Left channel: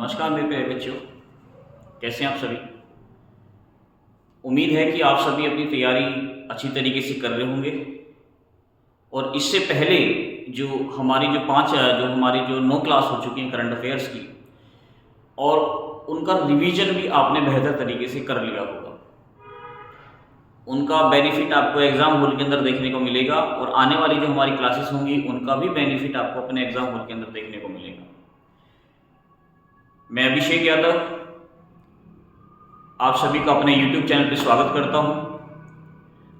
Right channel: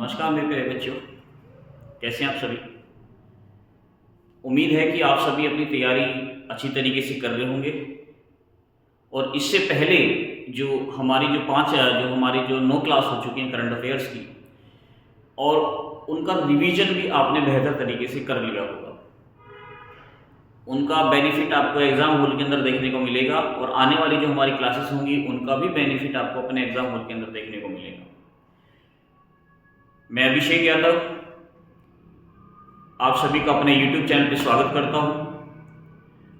नमस्कार मेरे प्यारे बच्चों, कैसे हैं आप सभी। उम्मीद है कि आप सभी अपनी तैयारी अच्छी तरीके से कर रहे होंगे। और इससे पहले जो हमारी जो 9 क्लास हो चुकी हैं करंट अफेयर्स की, और उनका रिवीजन भी आपने बेहतर तरीके से कर लिया होगा। उनका बेनिफिट आपको एग्ज़ाम हॉल के अंदर देखने को मिलेगा, और आने वाली जो हमारी क्लासेस होंगी उनका भी बेनिफिट आपको अपने एग्ज़ाम हॉल के अंदर देखने को मिलेगा। मैं अभिषेक यादव आप सभी का अपने YouTube चैनल पर स्वागत करता हूं,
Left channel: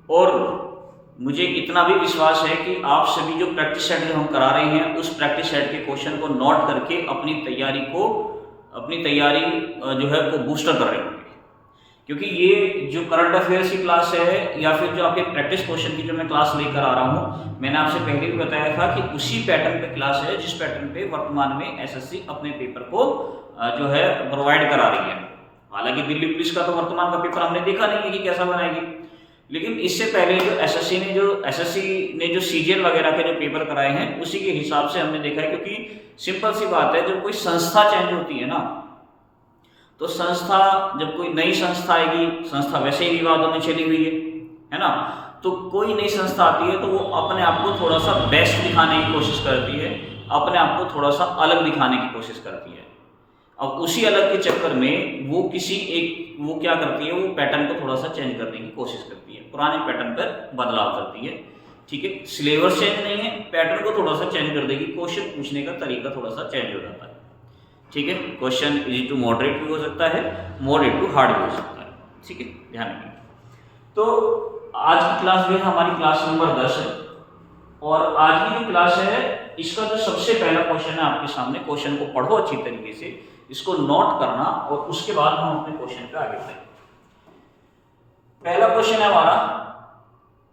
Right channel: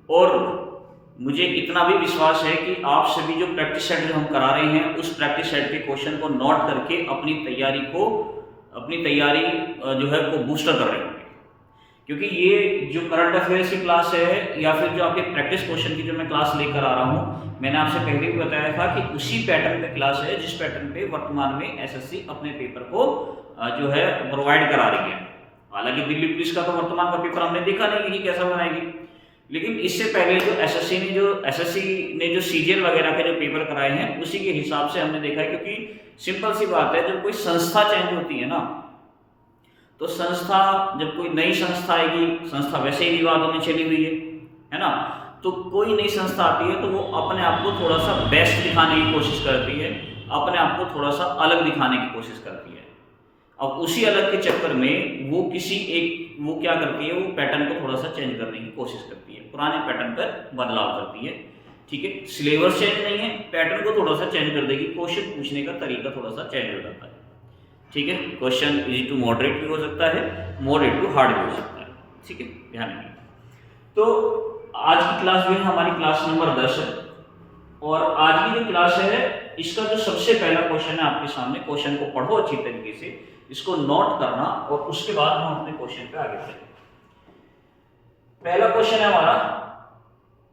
और मुझे इतना भी विश्वास है कि आप सभी जो प्रैक्टिस सेट जो हम करा रहे हैं उस प्रैक्टिस सेट के क्वेश्चन को नोट करके अपनी तैयारी जो है को बूस्टर कर रहे होंगे। क्योंकि ये जो करंट अफेयर्स की क्लास है या फिर जो आपके प्रैक्टिस क्वेश्चन की जो मैं क्लास लेकर आ रहा हूँ, मैंने आपसे पहले भी बताया था कि उसी पैटर्न पे क्लास है जिस पैटर्न पे वर्तमान में एसएससी अपने पेपर को जो है प्रोवाइड करा रही है। हालांकि दिल्ली पुलिस का तो वर्तमान का पेपर हमने देखा नहीं है कि कैसा बनाएगी, लेकिन इससे पहले जो एसएससी ने जो सीजीएल वगैरह के जो पेपर कराए हैं उसी के हिसाब से हमने देखा है। क्योंकि सिंपल सी बात है, जब कोई संस्था चेंज होती है ना, तो जब कोई नई संस्था आएगी, संस्था वैसे ही विवादों में चली हुई है ना, तो कोई नई संस्था आती है तो वो अपने आप को थोड़ा सा बेस्ट दिखाने की कोशिश करती है, अपने आप को थोड़ा सा अलग दिखाने की कोशिश करती है। अब उसी अलग के चक्कर में वो क्या करती है, वो पैटर्न को थोड़ा सा चेंज करने की कोशिश करती है, पुराने पैटर्न पर बदलाव करती है। ठीक है, सिलेबस चेंज नहीं है, पैटर्न को थोड़ा सा चेंज कर देगी, क्वेश्चन पूछने का तरीका थोड़ा सा चेंज हो जाता है। ठीक है, क्वेश्चन इजी टू मॉडरेट भी हो सकता है, मॉडरेट टू हार्ड भी हो सकता है। ठीक है, ध्यान रखिए। तो आज की क्लास जो है हमारी क्लास नंबर 10 है, और आज की जो क्लास है इसका जो सबसे पहला क्वेश्चन है आपके सामने, क्वेश्चन को पढ़ो अच्छी तरीके से, इसको नोट करना, और उसके बाद हम अपने क्वेश्चन पे आगे बढ़ेंगे। पहला क्वेश्चन है हमारा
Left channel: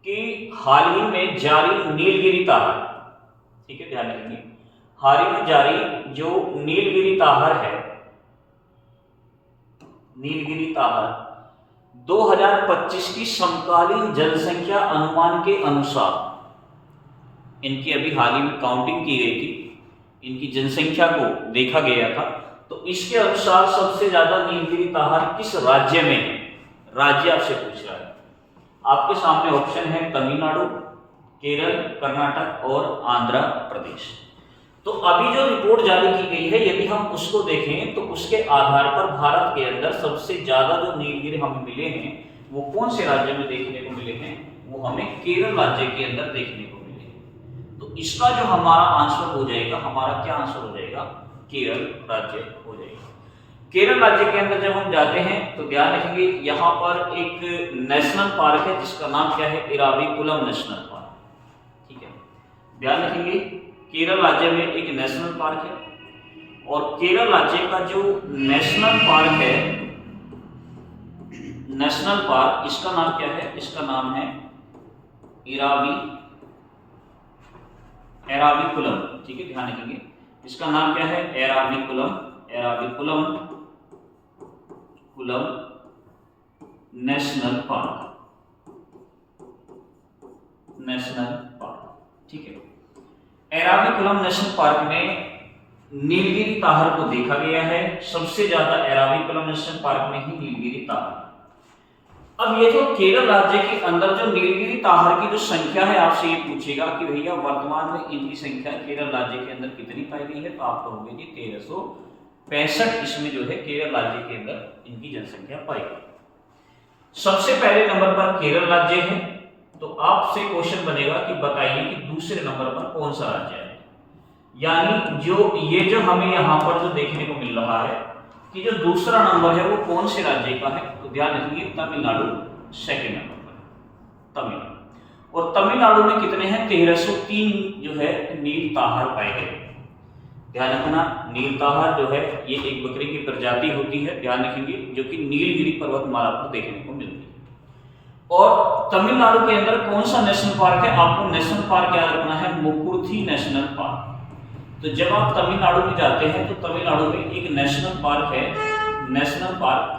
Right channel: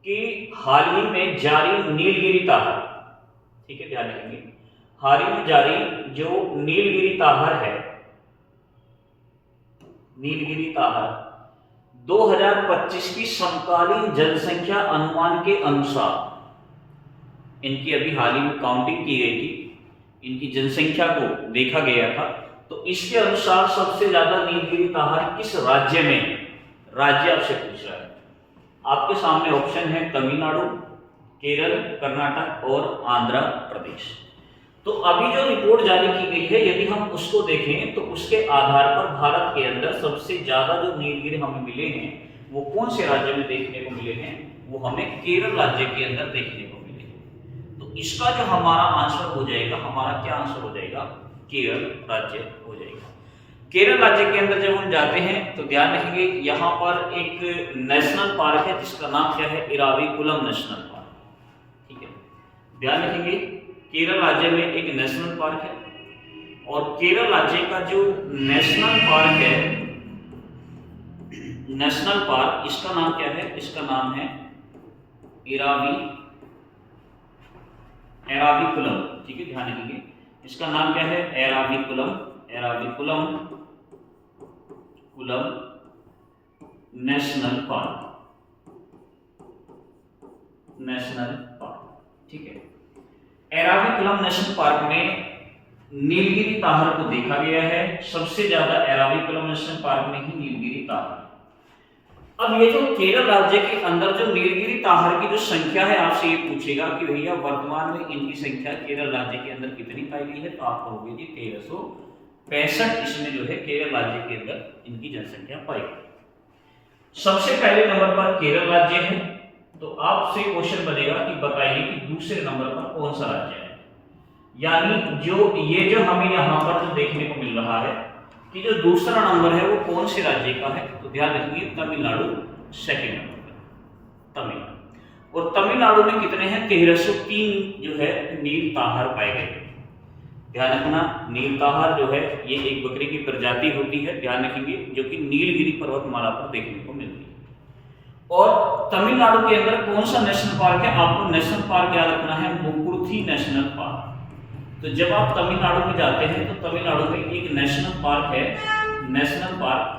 कि हाल ही में जारी नीलगिरी ताहर, ठीक है ध्यान रखेंगे, हाल ही में जारी जो नीलगिरी ताहर है, नीलगिरी ताहर 2025 की समकालीन जनसंख्या अनुमान के अनुसार, इनकी अभी हाल ही में काउंटिंग की गई थी, इनकी जनसंख्या को देखा गया था, तो इसके अनुसार सबसे ज्यादा नीलगिरी ताहर किस राज्य में है। राज्य आपसे पूछ रहा है। आपके सामने ऑप्शन है तमिलनाडु, केरल, कर्नाटक और आंध्र प्रदेश। तो अभी जो रिपोर्ट जारी की गई है, यदि हम उसको देखें तो उसके आधार पर भारत के अंदर सबसे ज्यादा जो नीलगिरी हमें मिले हैं वो कौन से राज्य में देखने को मिले हैं, वो हमें केरल राज्य के अंदर देखने को मिले हैं। तो इसका जो हमारा आंसर हो जाएगा, हमारा क्या आंसर हो जाएगा, केरल राज्य हो जाएगा। केरल राज्य के अंदर जब हम जाते हैं तो ध्यान रखेंगे, यहाँ पर एक नेशनल पार्क है जिसका नाम क्या है, इराविकुलम नेशनल पार्क। ठीक है, ध्यान रखेंगे, केरल राज्य में एक नेशनल पार्क है, और केरल राज्य का जो नेशनल पार्क है, नेशनल पार्क, इसका नाम क्या है, इसका नाम है एराविकुलम। ठीक है, ध्यान रखेंगे, इसका नाम क्या है, एराविकुलम नेशनल पार्क। ठीक है, एराविकुलम नेशनल पार्क में नीलगिरी ताहर को देखा गया है, सबसे ज्यादा एराविकुलम नेशनल पार्क में ही नीलगिरी ताहर। अब ये जो केरल राज्य के अंदर जो नीलगिरी ताहर की जो संख्या है, आपसे ये पूछेगा कि भैया वर्तमान में इनकी संख्या केरल राज्य के अंदर कितनी पाई गई है, तो आप कहोगे जी 1365 इसमें जो है केरल राज्य के अंदर इनकी जनसंख्या पाई गई। सबसे पहले नंबर पर केरल राज्य है, तो आपसे क्वेश्चन बनेगा कि बताइए कि दूसरे नंबर पर कौन सा राज्य है। यानी जो हमें यहाँ पर जो देखने को मिल रहा है कि जो दूसरा नंबर है वो कौन से राज्य का है, तो ध्यान रखिए तमिलनाडु सेकंड नंबर पर, तमिलनाडु। और तमिलनाडु में कितने हैं, 1303 जो है नील ताहर पाए गए। ध्यान रखना, नील ताहर जो है ये एक बकरी की प्रजाति होती है, ध्यान रखेंगे, जो कि नीलगिरी पर्वतमाला पर देखने को मिलती है। और तमिलनाडु के अंदर कौन सा नेशनल पार्क है, आपको नेशनल पार्क याद रखना है, मुकुर्थी नेशनल पार्क। तो जब आप तमिलनाडु में जाते हैं तो तमिलनाडु में एक नेशनल पार्क है, national park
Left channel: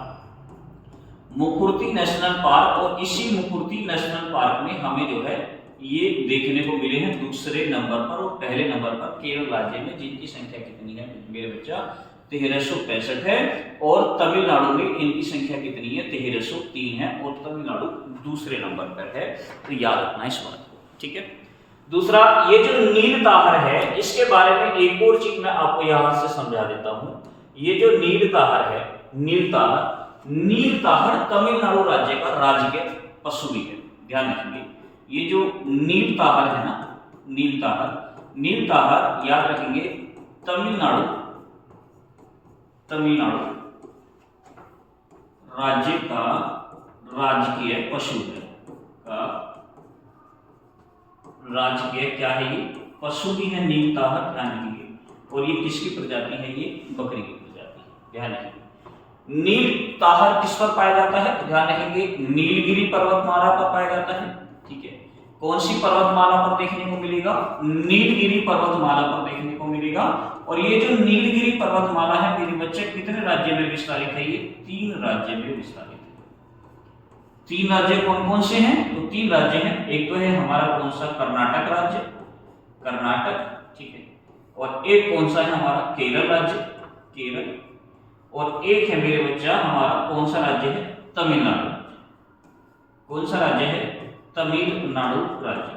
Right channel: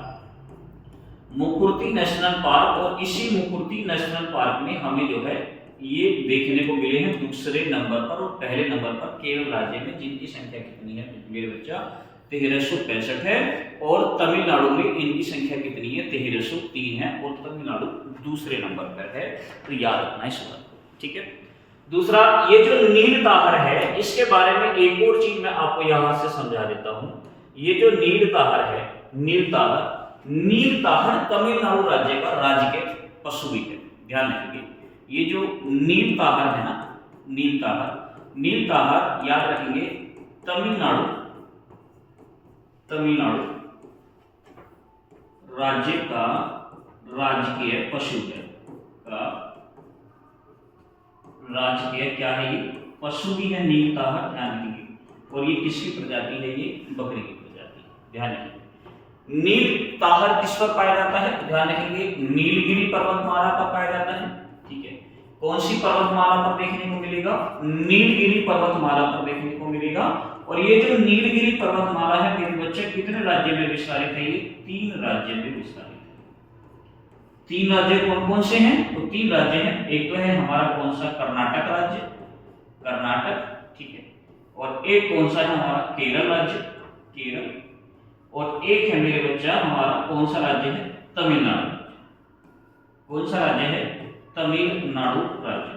Mukurthi national park, और इसी मुकुर्थी नेशनल पार्क में हमें जो है ये देखने को मिले हैं दूसरे नंबर पर, और पहले नंबर पर केरल राज्य में जिनकी संख्या कितनी है मेरे बच्चा, 1365 है। और तमिलनाडु में इनकी संख्या कितनी है? 1303 है और तमिलनाडु दूसरे नंबर पर है। तो याद रखना इस बात को, ठीक है। दूसरा, ये जो नीलताहर है इसके बारे में एक और चीज मैं आपको यहां से समझा देता हूं। ये जो नीलताहर है, नीलताहर तमिलनाडु राज्य का राजकीय पशु भी है, ध्यान रखिए। ये जो नीलताहर है ना, नीलताहर याद रखेंगे तमिलनाडु राज्य का राजकीय पशु है, राजकीय क्या है? ये पशु भी है नीलताहर, ध्यान रखिए। और ये किसकी प्रजाति है? ये बकरी की प्रजाति है, ध्यान रखिए। नीलताहर किस पर पाया जाता है? ध्यान रखेंगे नीलगिरी पर्वतमाला पर पाया जाता है, ठीक है। कौन सी पर्वतमाला पर देखने को मिलेगा? नीलगिरी पर्वतमाला पर देखने को मिलेगा। और ये जो नीलगिरी पर्वतमाला है मेरे बच्चे कितने राज्य में विस्तारित है? ये 3 राज्य में विस्तारित है। 3 राज्य कौन कौन से हैं? तो 3 राज्य हैं। एक तो है हमारा कौन सा? कर्नाटक राज्य, ठीक है। और एक कौन सा है हमारा? केरल राज्य, केरल। और एक है मेरे बच्चा हमारा कौन सा राज्य है? तमिलनाडु राज्य। कौन सा राज्य है? तमिलनाडु राज्य,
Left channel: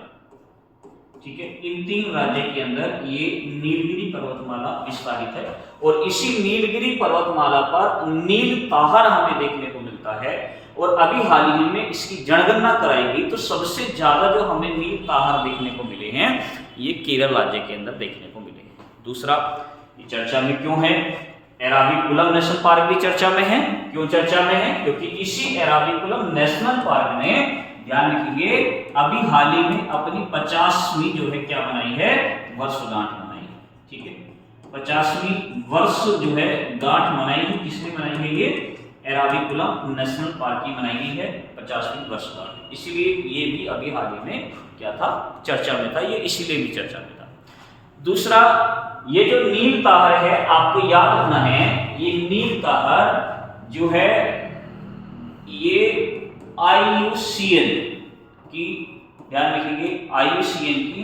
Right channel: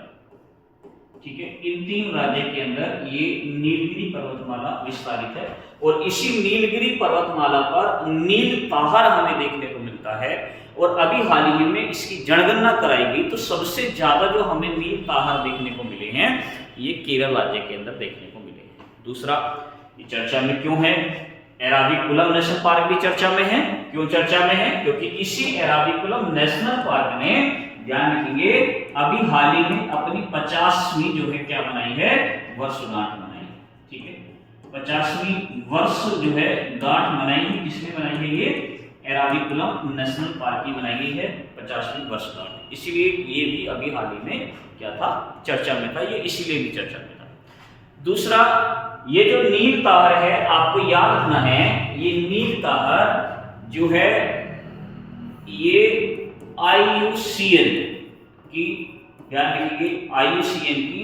ठीक है। इन 3 राज्य के अंदर ये नीलगिरी पर्वतमाला विस्तारित है। और इसी नीलगिरी पर्वतमाला पर नीलताहर हमें देखने को मिलता है। और अभी हाल ही में इसकी जनगणना कराई गई तो सबसे ज्यादा जो हमें नीलताहर देखने को मिले हैं ये केरल राज्य के अंदर देखने को मिले हैं। दूसरा, ये चर्चा में क्यों है? एराविकुलम नेशनल पार्क भी चर्चा में है। क्यों चर्चा में है? क्योंकि इसी एराविकुलम नेशनल पार्क ने, ध्यान रखिए, अभी हाल ही में अपनी 50वीं जो है क्या बनाई है? वर्षगांठ मनाई है, ठीक है। 50वीं वर्ष जो है गांठ मनाई है। किसने बनाई है? ये एराविकुलम नेशनल पार्क की मनाई गई है 50वीं वर्षगांठ। इसीलिए ये भी अभी हाल ही में क्या था? चर्चा में था। ये इसीलिए भी चर्चा में था। दूसरा, ये जो नीलताहर है आपको याद रखना है, ये नीलताहर जो है ये IUCN की, ध्यान रखिए IUCN की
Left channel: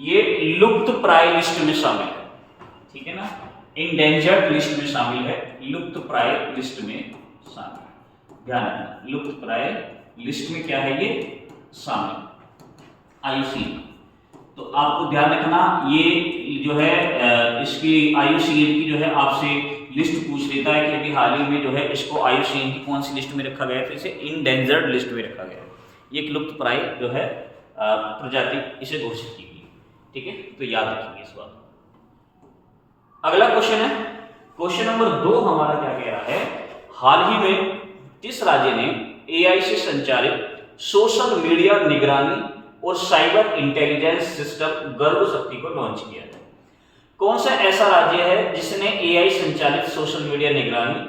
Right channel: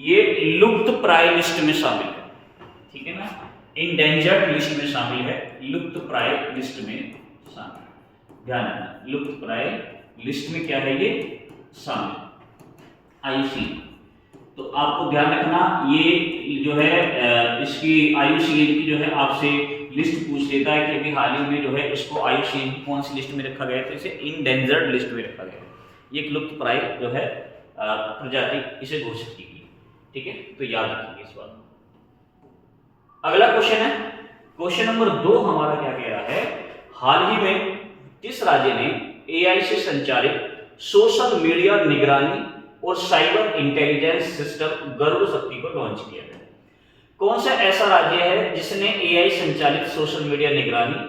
ये लुप्त प्राय लिस्ट में शामिल है, ठीक है ना। इंडेंजर्ड लिस्ट में शामिल है, लुप्त प्राय लिस्ट में शामिल। ध्यान रखना, लुप्त प्राय लिस्ट में क्या है? ये शामिल IUCN। तो आपको ध्यान रखना, ये जो है इसकी IUCN की जो है आपसे लिस्ट पूछ लेता है कि अभी हाल ही में जो है इसको IUCN की कौन सी लिस्ट में रखा गया है, तो इसे इंडेंजर्ड लिस्ट में रखा गया है। ये एक लुप्त प्राय जो है प्रजाति इसे घोषित की गई, ठीक है। तो याद रखिए इस बात को। अगला क्वेश्चन है, क्वेश्चन नंबर 2 हमारा क्या कह रहा है? हाल ही में किस राज्य ने AI से संचालित सोशल मीडिया निगरानी और साइबर इंटेलिजेंस सिस्टम गरुड़ शक्ति को लॉन्च किया है? कौन सा ऐसा राज्य है जिसने AI संचालित सोशल मीडिया निगरानी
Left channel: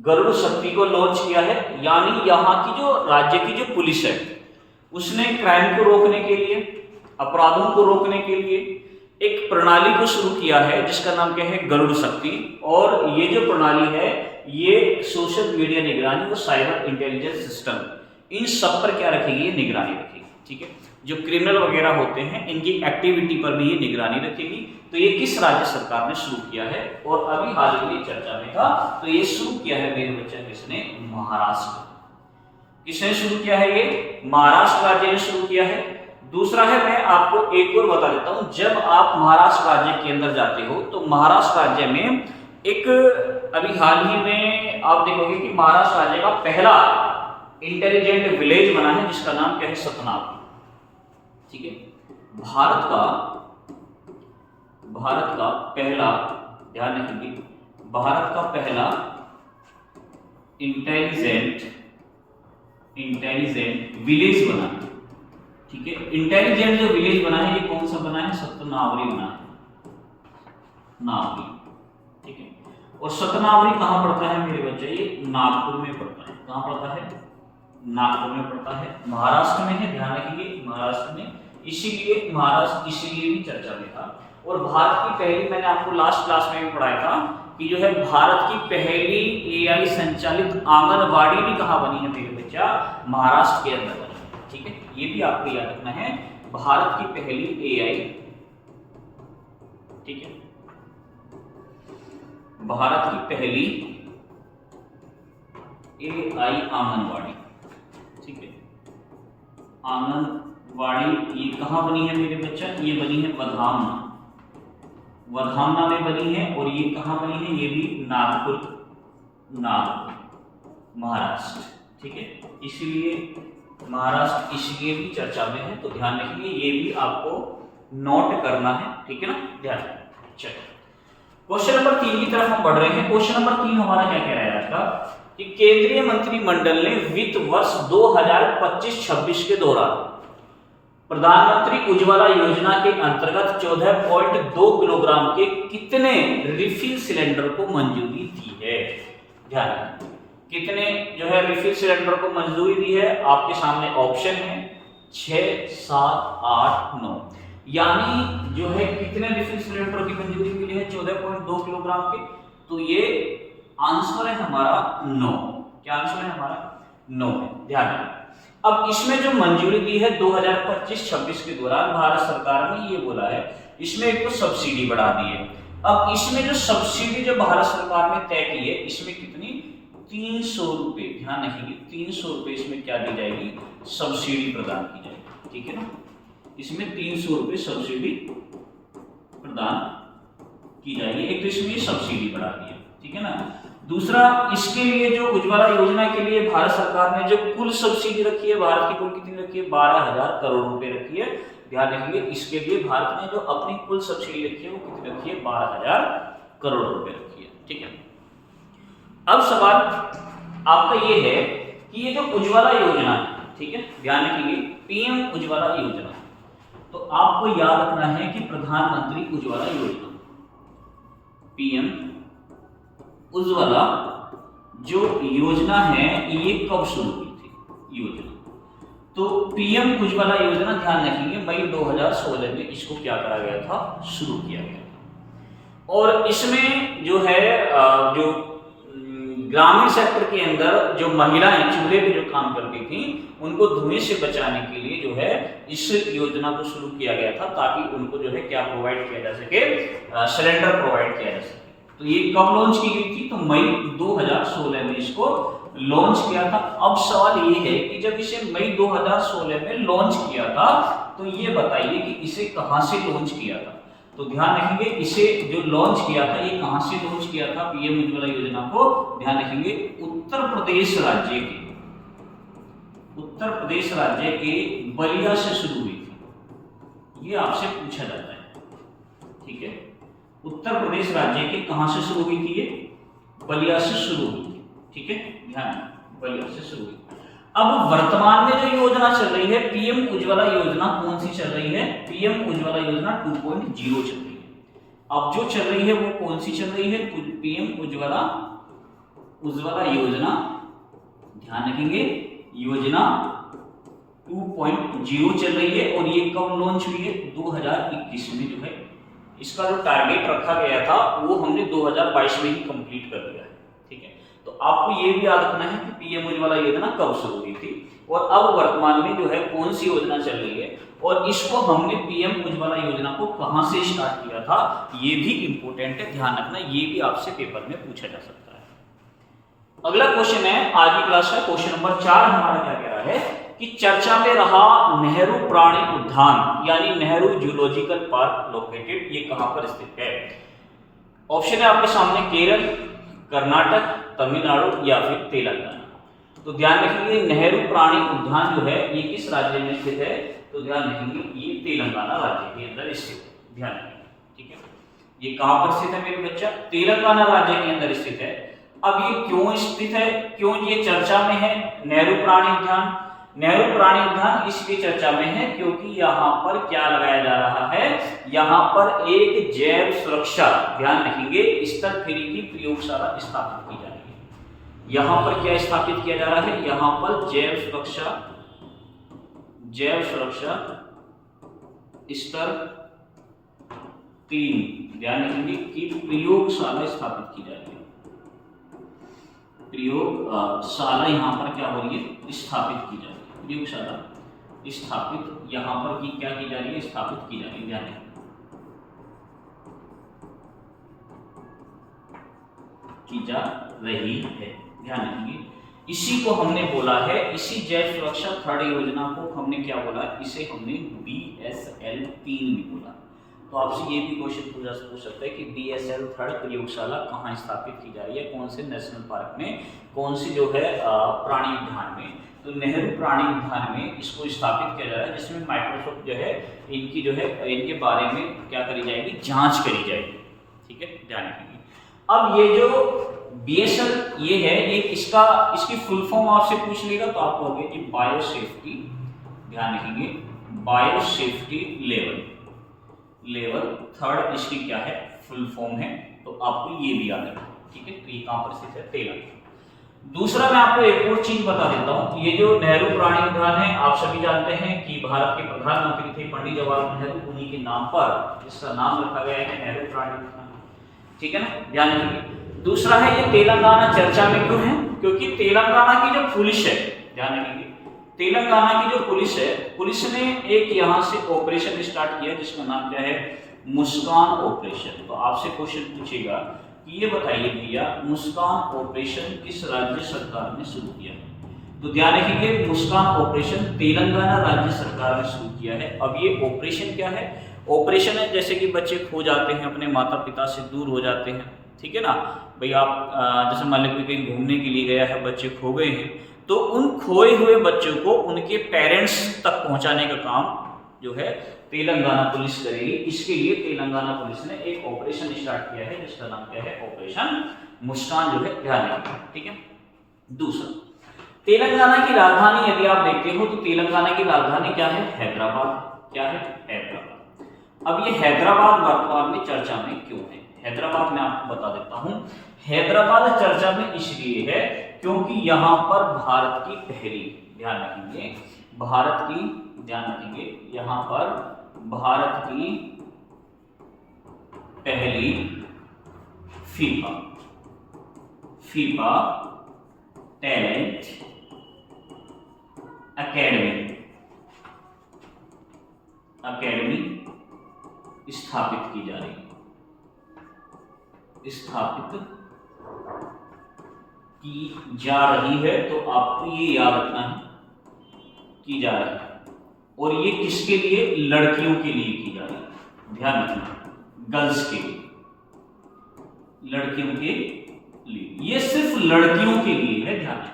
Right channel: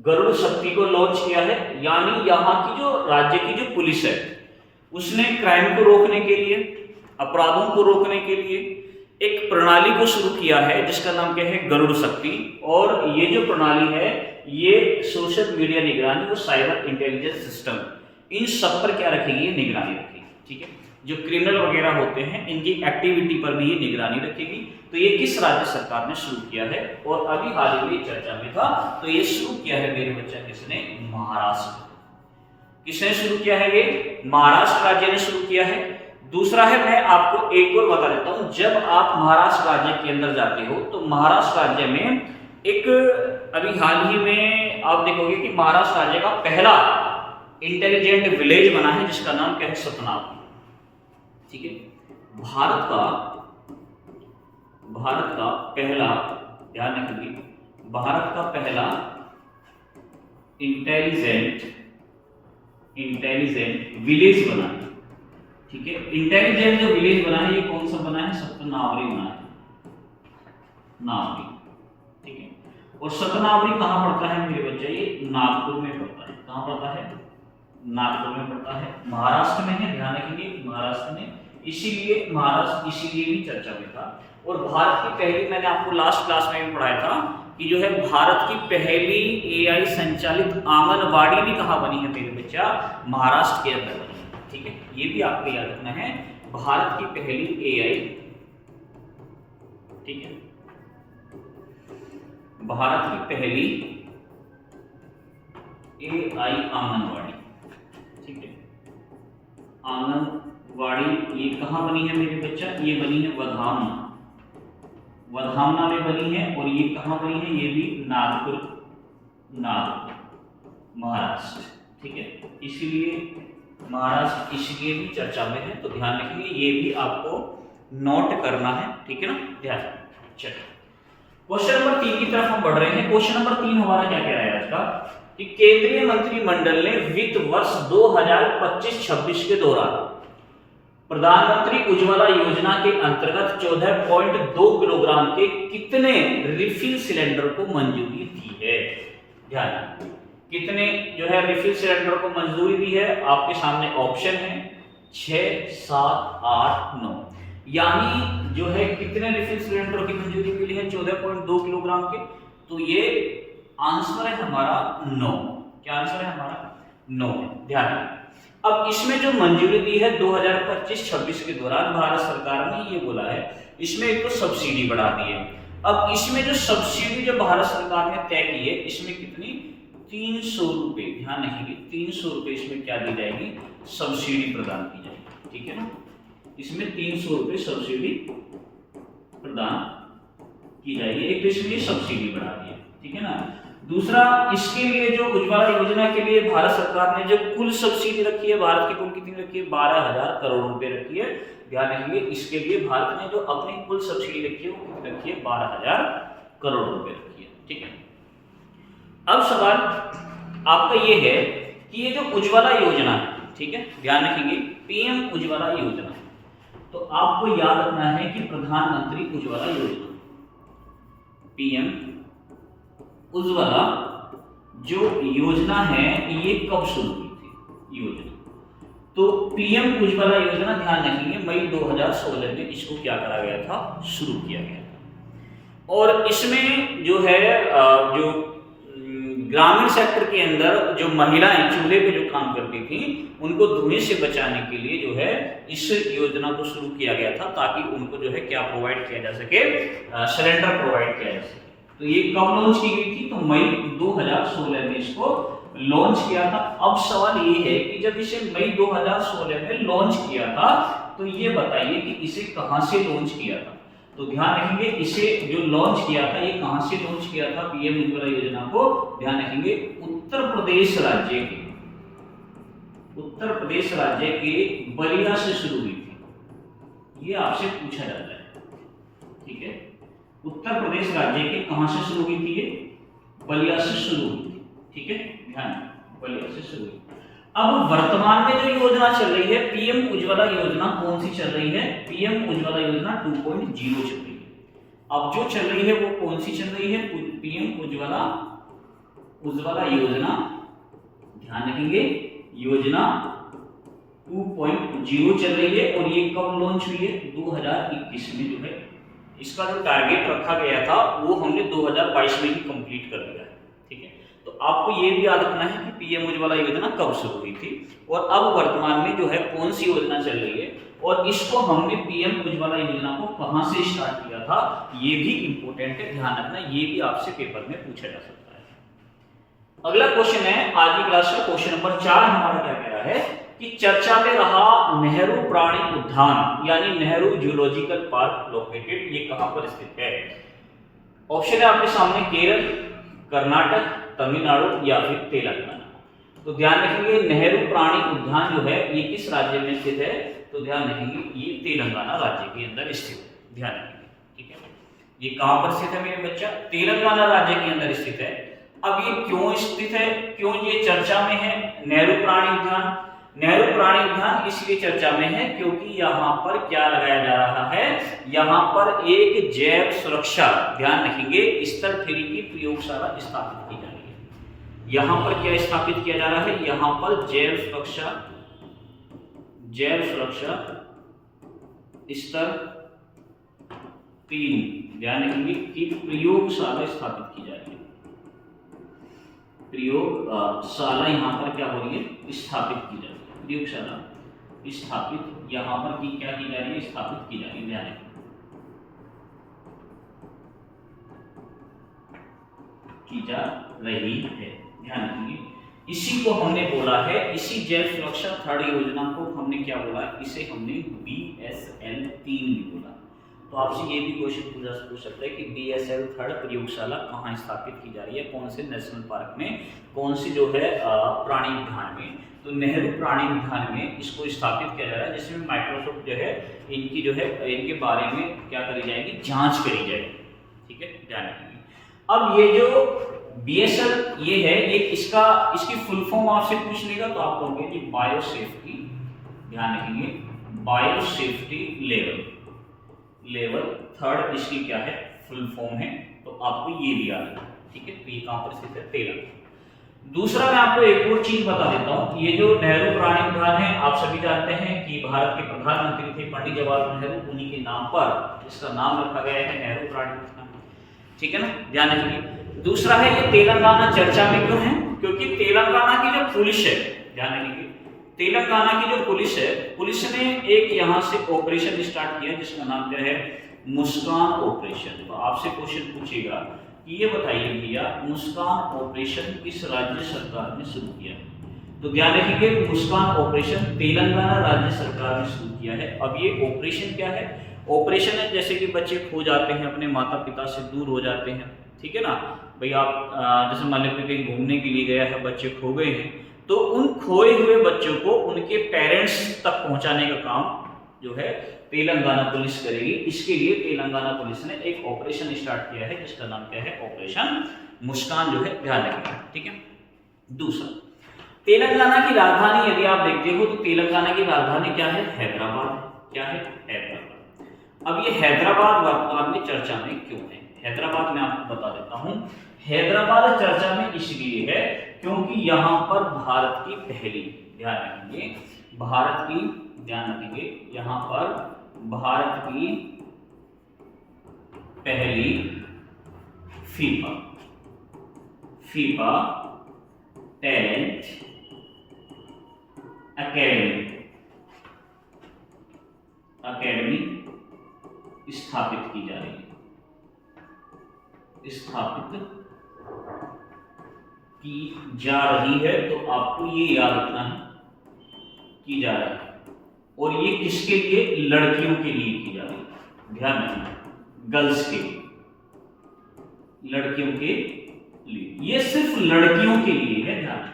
गरुड़ शक्ति को लॉन्च किया है? यानी यहाँ की जो राज्य की जो पुलिस है उसने क्राइम को रोकने के लिए, अपराधों को रोकने के लिए एक प्रणाली को शुरू किया है जिसका नाम क्या है? गरुड़ शक्ति। और ये जो प्रणाली है ये सोशल मीडिया निगरानी और साइबर इंटेलिजेंस सिस्टम, इन सब पर क्या रखेगी? ये निगरानी रखेगी, ठीक है। जो क्रिमिनल वगैरह होते हैं इनकी एक्टिविटी पर भी ये निगरानी रखेगी। तो ये किस राज्य सरकार ने शुरू किया है? और अभी हाल ही में चर्चा में था। तो ये शुरू किया है मेरे बच्चे किसने? महाराष्ट्र। किसने शुरू किया है? ये महाराष्ट्र राज्य ने शुरू किया है। दूसरा है, मैं आपको एक और बता देता हूं, जब आप महाराष्ट्र राज्य के अंदर जाते हो तो महाराष्ट्र राज्य में एक अभी हाल ही में आप देखोगे कि महाराष्ट्र राज्य का पहला इंटेलिजेंट विलेज बना है जिसका नाम क्या है? सतनावली, ठीक है। भारत का पहला, ध्यान रखिए, भारत का पहला इंटेलिजेंट विलेज बना है, ठीक है। इंटेलिजेंट जो विलेज बना है ये कौन सा बना है? सतनावली बना है, नावली, ठीक है। और सतनावली कहां पड़ता है मेरे बच्चे? ये नागपुर में पड़ता है। कहां पड़ता है? नागपुर में पड़ता है, महाराष्ट्र में है, ध्यान रखिए महाराष्ट्र में। इसीलिए महाराष्ट्र इसीलिए भी चर्चा में था। और भारत की पहली, मैंने आपको लास्ट क्लास में भी पढ़ाया था कि जो है भारत की पहली AI संचालित आंगनवाड़ी भी कहाँ बनी है मेरे बच्चा? महाराष्ट्र के अंदर बनी है, ठीक है। ये भी आपको याद रखना है, भारत की पहली AI, ठीक है, भारत की पहली AI आंगनवाड़ी, ठीक है। आंगनवाड़ी ये कहाँ बनी है मेरे बच्चा? ये बनी है वधामना, वधामना में बनी है। और ये कहाँ बनी है? ये भी नागपुर, महाराष्ट्र, ठीक है। इसीलिए महाराष्ट्र इसलिए भी चर्चा में है, तो ध्यान रखिए, ये भी आपको नोट करना है, ठीक है ना, ध्यान। चलिए क्वेश्चन नंबर 3 की तरफ हम बढ़ रहे हैं। क्वेश्चन नंबर 3 हमारा क्या कह रहा है आज का, कि केंद्रीय मंत्रिमंडल ने वित्त वर्ष 2025-26 के दौरान प्रधानमंत्री उज्ज्वला योजना के अंतर्गत 14.2 किलोग्राम के कितने रिफिल सिलेंडर को मंजूरी दी है? ध्यान, कितने जो है रिफिल सिलेंडर को मंजूरी दी है? आपके सामने ऑप्शन है 6, 7, 8, 9। यानी जो है कितने रिफिल सिलेंडर की मंजूरी मिली है? 14.2 किलोग्राम के। तो ये आंसर है हमारा 9। क्या आंसर है हमारा? 9 है। ध्यान रखिए, अब इसमें जो मंजूरी दी है 2025-26 के दौरान भारत सरकार ने ये बोला है, इसमें एक तो सब्सिडी बढ़ा दी है। अब इसमें जो सब्सिडी जो भारत सरकार ने तय की है, इसमें कितनी? 300 रुपए। ध्यान रखिए, 300 रुपए इसमें क्या दी जाएगी? सब्सिडी प्रदान की जाएगी, ठीक है ना। इसमें 300 रुपए सब्सिडी प्रदान की जाएगी। एक तो इसमें सब्सिडी बढ़ा दी है, ठीक है ना। दूसरा, इसके लिए जो उज्ज्वला योजना के लिए भारत सरकार ने जो कुल सब्सिडी रखी है, भारत की कुल कितनी रखी है? 12,000 करोड़ रुपए रखी है। ध्यान रखिए, इसके लिए भारत ने जो अपनी कुल सब्सिडी रखी है वो कितनी रखी है? 12,000 करोड़ रुपए रखी है, ठीक है। अब सवाल आपका ये है कि ये जो उज्ज्वला योजना है, ठीक है, ध्यान रखिए, PM उज्ज्वला योजना, तो आपको याद रखना है कि प्रधानमंत्री उज्ज्वला योजना, PM उज्ज्वला जो योजना है ये कब शुरू हुई थी? योजना तो PM उज्ज्वला योजना, ध्यान रखेंगे, मई 2016 में इसको क्या करा गया था? शुरू किया गया था। और इसमें जो है जो ग्रामीण सेक्टर के अंदर जो महिलाएं चूल्हे पे जो काम करती थी, उनको धुएं से बचाने के लिए जो है इस योजना को शुरू किया गया था, ताकि उनको जो है क्या प्रोवाइड किया जा सके? सिलेंडर प्रोवाइड किया जा सके। तो ये कब लॉन्च की गई थी? तो मई 2016 में इसको लॉन्च किया था। अब सवाल ये है कि जब इसे मई 2016 में लॉन्च किया था, तो ये बताइए कि इसे कहां से लॉन्च किया था? तो ध्यान रखेंगे, इसे जो लॉन्च किया था ये कहां से लॉन्च किया था? PM उज्ज्वला योजना को ध्यान रखेंगे उत्तर प्रदेश राज्य के, उत्तर प्रदेश राज्य के बलिया से शुरू हुई थी। ये आपसे पूछा जाता है, ठीक है। उत्तर प्रदेश राज्य के कहां से शुरू हुई थी? ये बलिया से शुरू हुई थी, ठीक है, ध्यान, बलिया से शुरू हुई। अब वर्तमान में जो योजना चल रही है PM उज्ज्वला योजना, कौन सी चल रही है? PM उज्ज्वला योजना 2.0 चल रही है। अब जो चल रही है वो कौन सी चल रही है? PM उज्ज्वला योजना, ध्यान रखेंगे, योजना 2.0 चल रही है। और ये कब लॉन्च हुई है? 2021 में जो है इसका जो टारगेट रखा गया था वो हमने 2022 में ही कंप्लीट कर दिया है, ठीक है। तो आपको ये भी याद रखना है कि PM उज्ज्वला योजना कब शुरू हुई थी और अब वर्तमान में जो है कौन सी योजना चल रही है, और इसको हमने PM उज्ज्वला योजना को कहां से स्टार्ट किया था, ये भी इंपॉर्टेंट है, ध्यान रखना, ये भी आपसे पेपर में पूछा जा सकता है। अगला क्वेश्चन है आज की क्लास का क्वेश्चन नंबर 4 हमारा क्या कह रहा है कि चर्चा में रहा नेहरू प्राणी उद्यान यानी नेहरू जूलॉजिकल पार्क लोकेटेड, ये कहां पर स्थित है? ऑप्शन है आपके सामने केरल, कर्नाटक, तमिलनाडु या फिर तेलंगाना। तो ध्यान रखेंगे नेहरू प्राणी उद्यान जो है ये किस राज्य में स्थित है? तो ध्यान रखेंगे ये तेलंगाना राज्य के अंदर स्थित है, ध्यान रखेंगे, ठीक है। ये कहां पर स्थित है मेरे बच्चा? तेलंगाना राज्य के अंदर स्थित है। अब ये क्यों स्थित है, क्यों ये चर्चा में है? नेहरू प्राणी उद्यान, नेहरू प्राणी उद्यान इसलिए चर्चा में है क्योंकि यहाँ पर क्या लगाया जा रहा है? यहाँ पर एक जैव सुरक्षा, ध्यान रखेंगे, स्तनधारी की प्रयोगशाला स्थापित की जा रही है। यहाँ पर क्या स्थापित किया जा रहा है? यहाँ पर जैव सुरक्षा स्तर 3, ध्यान रखेंगे, की प्रयोगशाला स्थापित की जा रही है। प्रयोगशाला यहाँ पर क्या हो रही है? स्थापित की जा रही है। प्रयोगशाला स्थापित यहाँ पर की क्या की जा रही है? स्थापित की जा रही है, ध्यान रखें। की जा रही है। ध्यान रखिए, इसी को हमने बोला है, इसी जल सुरक्षा थर्ड योजना को हमने क्या बोला, इसे हमने BSL 3 भी बोला। तो आपसे ये भी क्वेश्चन पूछ सकता है कि BSL थर्ड प्रयोगशाला कहाँ स्थापित की जा रही है, कौन से नेशनल पार्क में, कौन सी जो है प्राणी उद्यान में। तो नेहरू प्राणी उद्यान में इसको स्थापित किया जा रहा है, जिसमें माइक्रोस्कोप जो है इनकी जो है इनके बारे में क्या करी जाएगी, जांच करी जाएगी। ठीक है, ध्यान रखिए। अब ये जो BSL ये है, ये इसकी फुल फॉर्म आपसे पूछ लेगा तो आप कहोगे कि बायोसेफ्टी, ध्यान रखिए, बायोसेफ्टी लेवल थर्ड इसकी क्या है, फुल फॉर्म है। तो आपको ये भी याद है। ठीक है, तो ये कहां पर स्थित है, तेलंगाना। दूसरा मैं आपको एक और चीज बता देता हूं, ये जो नेहरू प्राणी उद्यान है, आप सभी जानते हैं कि भारत के प्रधानमंत्री थे पंडित जवाहरलाल नेहरू, उन्हीं के नाम पर इसका नाम रखा गया है नेहरू प्राणी उद्यान। ठीक है ना, ध्यान रखिए। दूसरा है ये तेलंगाना चर्चा में क्यों है, क्योंकि तेलंगाना की जो पुलिस है, ध्यान रखिए, तेलंगाना की जो पुलिस है, पुलिस ने एक यहाँ से ऑपरेशन स्टार्ट किया जिसका नाम क्या है, मुस्कान ऑपरेशन। तो आपसे क्वेश्चन पूछेगा कि ये बताइए भैया, मुस्कान ऑपरेशन किस राज्य सरकार ने शुरू किया। तो ध्यान रखिए, मुस्कान ऑपरेशन तेलंगाना राज्य सरकार ने शुरू किया है। अब ये ऑपरेशन क्या है, ऑपरेशन है जैसे कि बच्चे खो जाते हैं, अपने माता पिता से दूर हो जाते हैं। ठीक है ना भाई, आप जैसे मान लीजिए कहीं घूमने के लिए गया है, बच्चे खो गए हैं, तो उन खोए हुए बच्चों को उनके पेरेंट्स तक पहुंचाने का काम जो है तेलंगाना पुलिस करेगी। इसके लिए तेलंगाना पुलिस ने एक ऑपरेशन स्टार्ट किया है जिसका नाम क्या है, ऑपरेशन मुस्कान जो है, ध्यान रखिए। ठीक है, दूसरा, तेलंगाना की राजधानी यदि आप देखते हो तो तेलंगाना की राजधानी क्या है, हैदराबाद। क्या है, हैदराबाद। अब ये हैदराबाद वर्तमान में चर्चा में क्यों है, हैदराबाद मैं आपको बता देता हूं। हैदराबाद चर्चा में इसलिए है क्योंकि यहां पर भारत की पहली, ध्यान रखेंगे, भारत की, ध्यान रखेंगे, यहां पर भारत की पहली फीफा टैलेंट एकेडमी स्थापित की जा रही है, स्थापित की जा रही है। तो आपको ये याद रखना है, की जा रही है, और ये किसके लिए, लड़कियों के लिए की जा रही है। ध्यान रखना, गर्ल्स के लिए, लड़कियों के लिए, ये सिर्फ लड़कियों के लिए है, ध्यान रखना।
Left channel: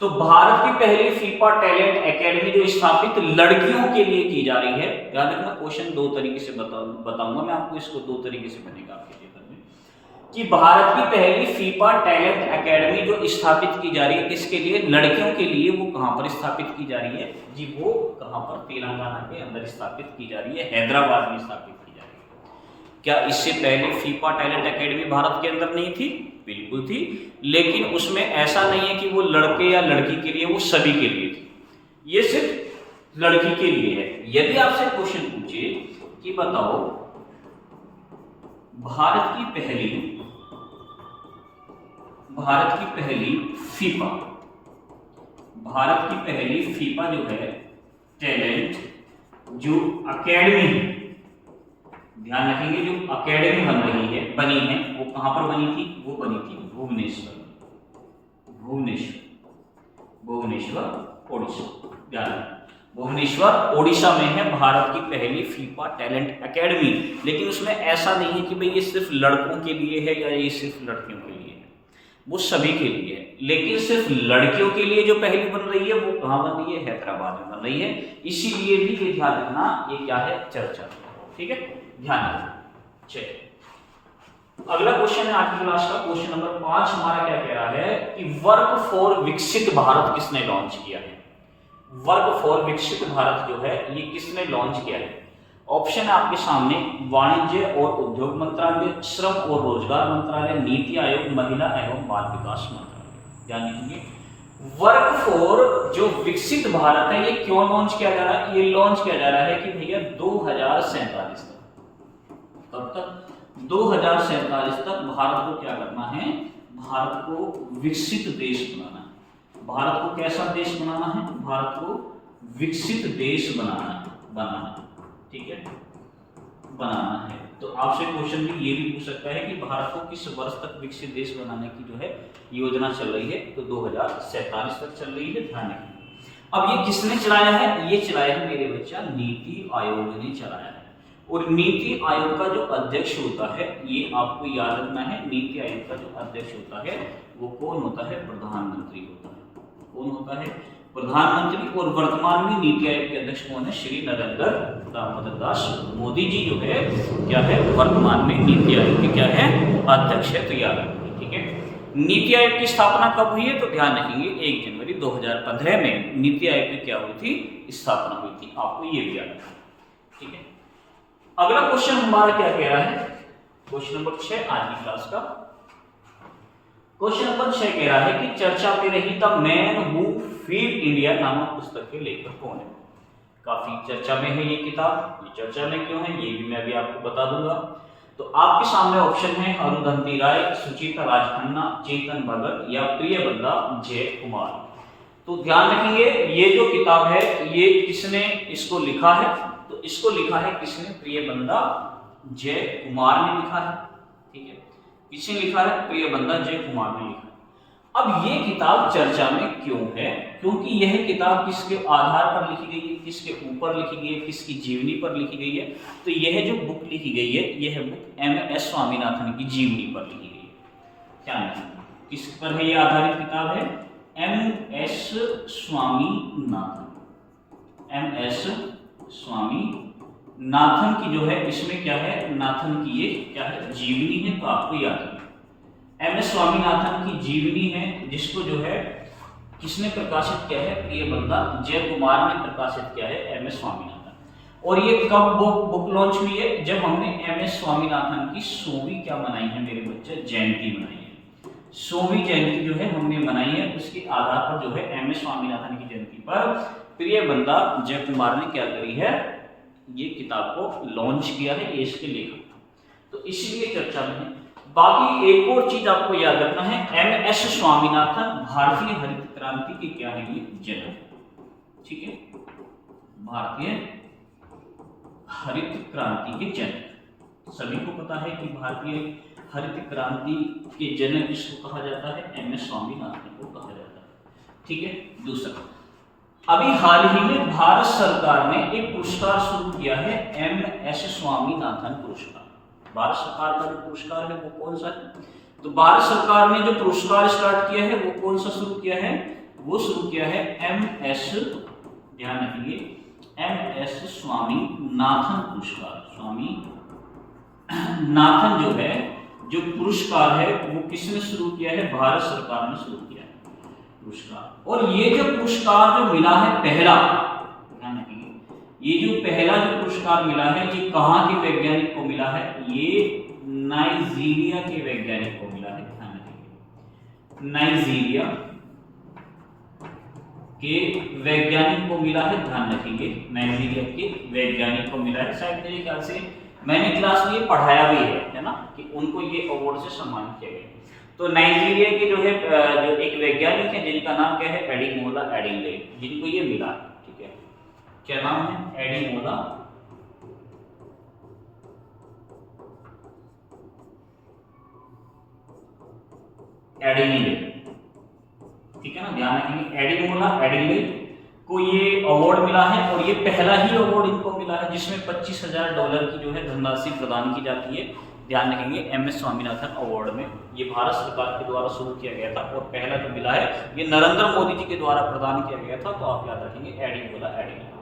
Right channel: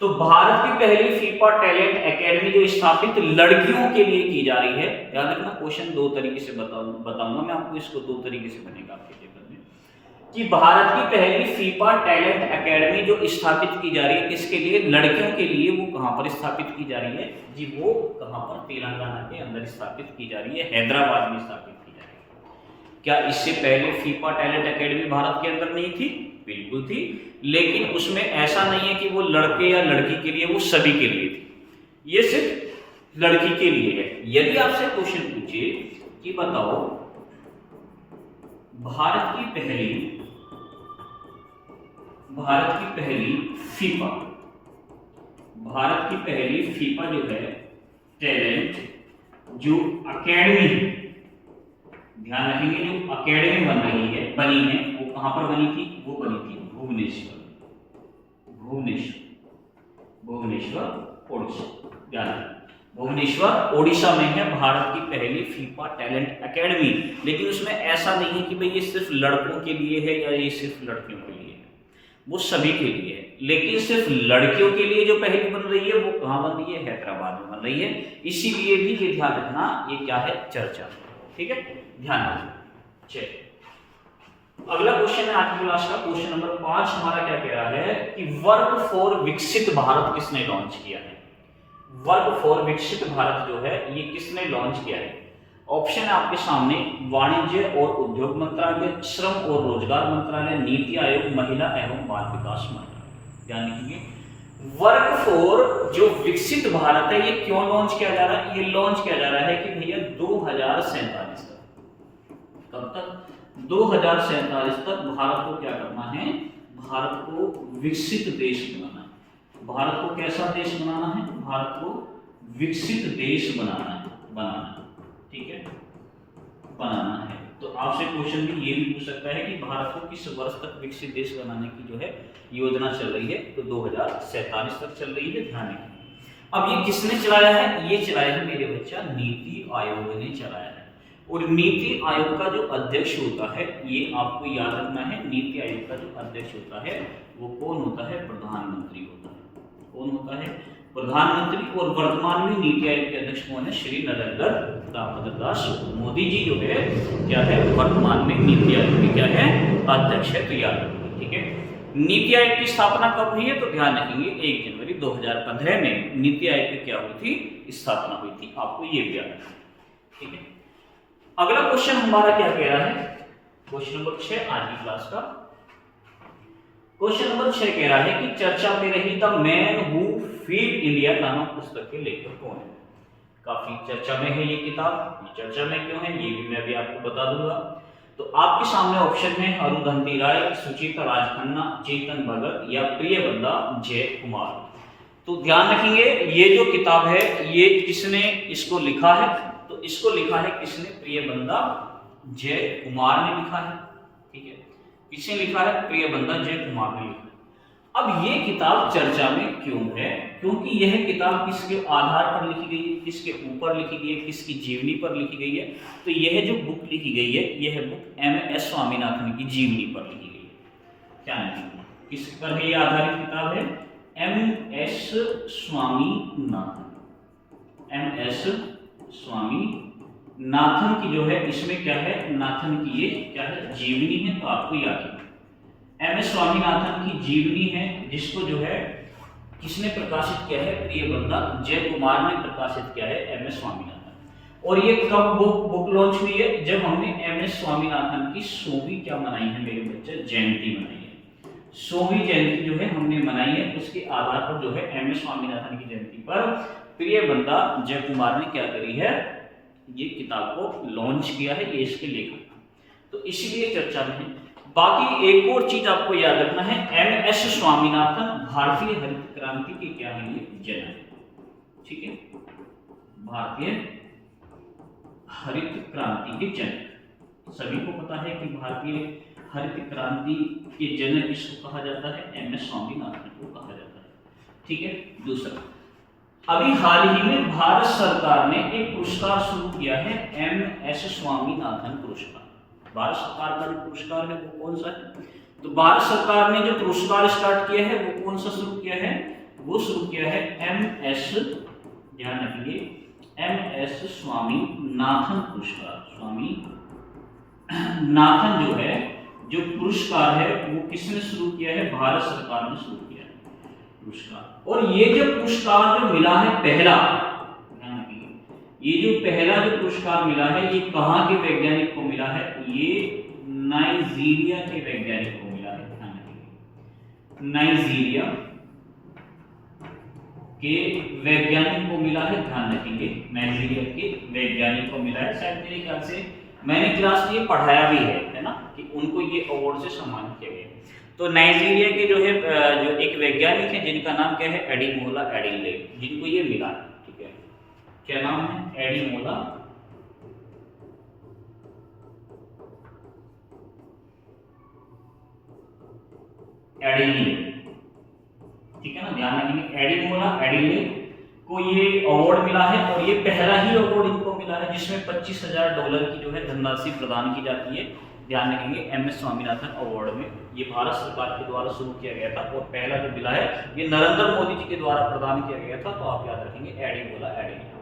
तो भारत की पहली फीफा टैलेंट एकेडमी जो स्थापित लड़कियों के लिए की जा रही है, ध्यान रखना। क्वेश्चन दो तरीके से बताऊंगा मैं आपको, इसको दो तरीके से बनेगा आपके पेपर में, कि भारत की पहली फीफा टैलेंट एकेडमी जो स्थापित की जा रही है किसके लिए, लड़कियों के लिए, वो कहां पर स्थापित की जा रही है जी, वो कहां पर, तेलंगाना के अंदर स्थापित की जा रही है, हैदराबाद में स्थापित की जा रही है। क्या इससे पहले फीफा टैलेंट एकेडमी भारत के अंदर नहीं थी, बिल्कुल थी, लेकिन उसमें ऐसा नहीं है कि वो लड़के या लड़की के लिए, वो सभी के लिए थी, ये सिर्फ लड़की के लिए है। यदि आपसे क्वेश्चन पूछे कि बताओ भारत की पहली फीफा जो है टैलेंट जो एकेडमी, ध्यान रखेंगे, जो एकेडमी बनी है वो कहां पर बनी थी, वो बनी थी भुवनेश्वर ओडिशा। ध्यान रखें, भुवनेश्वर ओडिशा में है भारत की पहली फीफा टैलेंट एकेडमी। लेकिन उसमें ऐसा नहीं है कि भाई ये सिर्फ लड़कों के लिए है या ये सिर्फ लड़कियों के लिए है, वो सभी के लिए है। लेकिन सिर्फ लड़कियों के लिए जो पहली बन रही है वो कहाँ बन रही है, हैदराबाद में बन रही है। इसीलिए भी ये ध्यान रखना, ये क्या है, चर्चा। ठीक है, ध्यान रखना। चलिए अगला क्वेश्चन है आज की क्लास का, क्वेश्चन नंबर 5 हमारा क्या कह रहा है कि वर्क फॉर विकसित भारत किसने लॉन्च किया है। वर्क फॉर विकसित भारत जो है ये किसने लॉन्च किया है। ऑप्शन है आपके सामने, वाणिज्य और उद्योग मंत्रालय, श्रम और रोजगार मंत्रालय, नीति आयोग, महिला एवं बाल विकास मंत्रालय। ध्यान रखिए, वर्क फॉर जो विकसित भारत है ये क्यों लॉन्च किया जा रहा है, ये लॉन्च किया जा रहा है कि भैया 2047 तक, कब तक, 2047 तक भारत को क्या करना है, भारत को विकसित देश बनाना है। भारत को कैसा देश बनाना है, भारत को विकसित देश बनाना है, ठीक है, बनाना है। तो आपसे क्वेश्चन भी ये भी पूछ सकता है कि भारत को किस वर्ष तक विकसित देश बनाने की जो है योजना चल रही है, तो 2047 तक चल रही है, ध्यान रखिए। अब ये किसने चलाया है? ये चलाया है मेरे बच्चा नीति आयोग ने चलाया है। और नीति आयोग का जो अध्यक्ष होता है, ये आपको याद रखना है, नीति आयोग का जो अध्यक्ष होता है वो कौन होता है? प्रधानमंत्री होता है। कौन होता है? प्रधानमंत्री। और वर्तमान में नीति आयोग के अध्यक्ष कौन है? श्री नरेंद्र दामोदर दास मोदी जी जो है क्या है? वर्तमान में नीति आयोग के क्या है? अध्यक्ष है। तो याद रखिए, ठीक है। नीति आयोग की स्थापना कब हुई है? तो ध्यान रखेंगे 1 जनवरी 2015 में नीति आयोग की क्या हुई थी? स्थापना हुई थी। आपको ये भी याद रखना, ठीक है। अगला क्वेश्चन हमारा क्या कह रहा है? क्वेश्चन नंबर 6 आज की क्लास का क्वेश्चन नंबर 6 कह रहा है कि चर्चा में रही the man who feed India नामक पुस्तक के लेखक कौन है? काफी चर्चा में है ये किताब। ये चर्चा में क्यों है ये भी मैं भी आपको बता दूंगा। तो आपके सामने ऑप्शन है अरुंधति राय, सुचित्रा राज खन्ना, चेतन भगत या प्रियबंदा जयकुमार। तो ध्यान रखेंगे ये जो किताब है ये किसने इसको लिखा है? तो इसको लिखा है किसने? प्रियबंदा जयकुमार ने लिखा है, ठीक है। किसने लिखा है? प्रियबंदा जयकुमार ने लिखा है। अब ये किताब चर्चा में क्यों है? क्योंकि यह किताब किसके आधार पर लिखी गई है? किसके ऊपर लिखी गई है? किसकी जीवनी पर लिखी गई है? तो यह जो बुक लिखी गई है यह बुक एम.एस. स्वामीनाथन की जीवनी पर लिखी गई है। क्या नहीं, किस पर है ये आधारित किताब है? एम.एस. स्वामीनाथन। एम.एस. स्वामीनाथन की जो है इसमें क्या है? नाथन की ये क्या है? जीवनी है। तो आपको याद रखना एम.एस. स्वामीनाथन की जीवनी है, जिसको जो है किसने प्रकाशित किया है? प्रियबंदा जयकुमार ने प्रकाशित किया है एम.एस. स्वामीनाथन। और ये कब बुक लॉन्च हुई है? जब हमने एम.एस. स्वामीनाथन की 100वीं क्या मनाई है मेरे बच्चे? जयंती मनाई है। 100वीं जयंती जो है हमने मनाई है, उसके आधार पर जो है एम.एस. स्वामीनाथन की जयंती पर प्रियबंदा जयकुमार ने क्या करी है? ये किताब को लॉन्च किया है, ये इसके लेखक। तो इसलिए चर्चा में है। बाकी एक और चीज आपको याद रखना है, एम.एस. स्वामीनाथन भारतीय हरित क्रांति के क्या है? ये जनक, ठीक है। भारतीय हरित क्रांति के जनक। सभी को पता है कि भारतीय हरित क्रांति के जनक किसको कहा जाता है? एम.एस. स्वामीनाथन को कहा जाता है, ठीक है। दूसरा, अभी हाल ही में भारत सरकार ने एक पुरस्कार शुरू किया है, एम.एस. स्वामीनाथन पुरस्कार। भारत सरकार का जो पुरस्कार है वो कौन सा है? तो भारत सरकार ने जो पुरस्कार स्टार्ट किया है वो कौन सा शुरू किया है? वो शुरू किया है एम.एस. ध्यान रखिए एम.एस. स्वामीनाथन पुरस्कार। स्वामीनाथन जो है जो पुरस्कार है वो किसने शुरू किया है? भारत सरकार ने शुरू किया है पुरस्कार। और ये जो पुरस्कार जो मिला है पहला, ध्यान रखिए ये जो पहला जो पुरस्कार मिला है ये कहाँ के वैज्ञानिक को मिला है? ये नाइजीरिया के वैज्ञानिक को मिला है। ध्यान रखिए नाइजीरिया के वैज्ञानिक को मिला है। ध्यान रखेंगे नाइजीरिया के वैज्ञानिक को मिला है। शायद मेरे ख्याल से मैंने क्लास में पढ़ाया भी है ना, कि उनको ये अवार्ड से सम्मानित किया गया। तो नाइजीरिया के जो है जो एक वैज्ञानिक है जिनका नाम क्या है? एडिमोला एडिले, जिनको ये मिला है, ठीक है। क्या नाम है? एडिमोला एडिले, ठीक है ना। ध्यान रखेंगे एडिमोला एडिले को ये अवार्ड मिला है। और ये पहला ही अवार्ड इनको मिला है जिसमें $25,000 की जो है धनराशि प्रदान की जाती है। ध्यान रखेंगे एम.एस. स्वामीनाथन अवार्ड में ये भारत सरकार के द्वारा शुरू किया गया था। और पहला जो मिला है ये नरेंद्र मोदी जी के द्वारा प्रदान किया गया था। तो आप याद रखेंगे एडिमोला एडिले।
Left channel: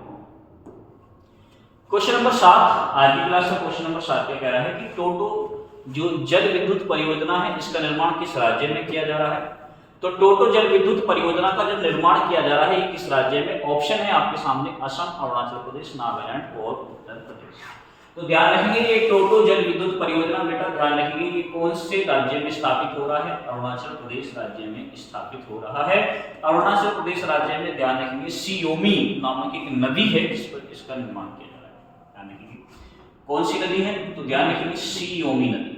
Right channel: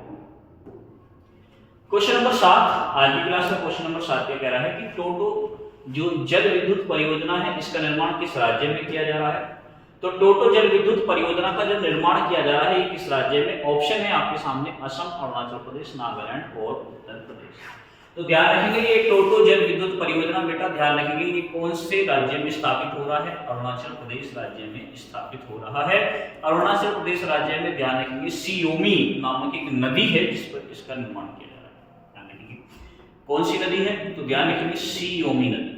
क्वेश्चन नंबर 7 आज की क्लास का क्वेश्चन नंबर 7 क्या कह रहा है कि टोटो जो जल विद्युत परियोजना है इसका निर्माण किस राज्य में किया जा रहा है? तो टोटो जल विद्युत परियोजना का जो निर्माण किया जा रहा है ये किस राज्य में? ऑप्शन है आपके सामने असम, अरुणाचल प्रदेश, नागालैंड और उत्तर प्रदेश। तो ध्यान रखेंगे ये टोटो जल विद्युत परियोजना बेटा ध्यान रखेंगे ये कौन से राज्य में स्थापित हो रहा है? अरुणाचल प्रदेश राज्य में स्थापित हो रहा है। अरुणाचल प्रदेश राज्य में ध्यान रखेंगे सियोमी नामक एक नदी है जिस पर इसका निर्माण किया जा रहा है। ध्यान रखेंगे कौन सी नदी है? तो ध्यान रखेंगे सियोमी नदी।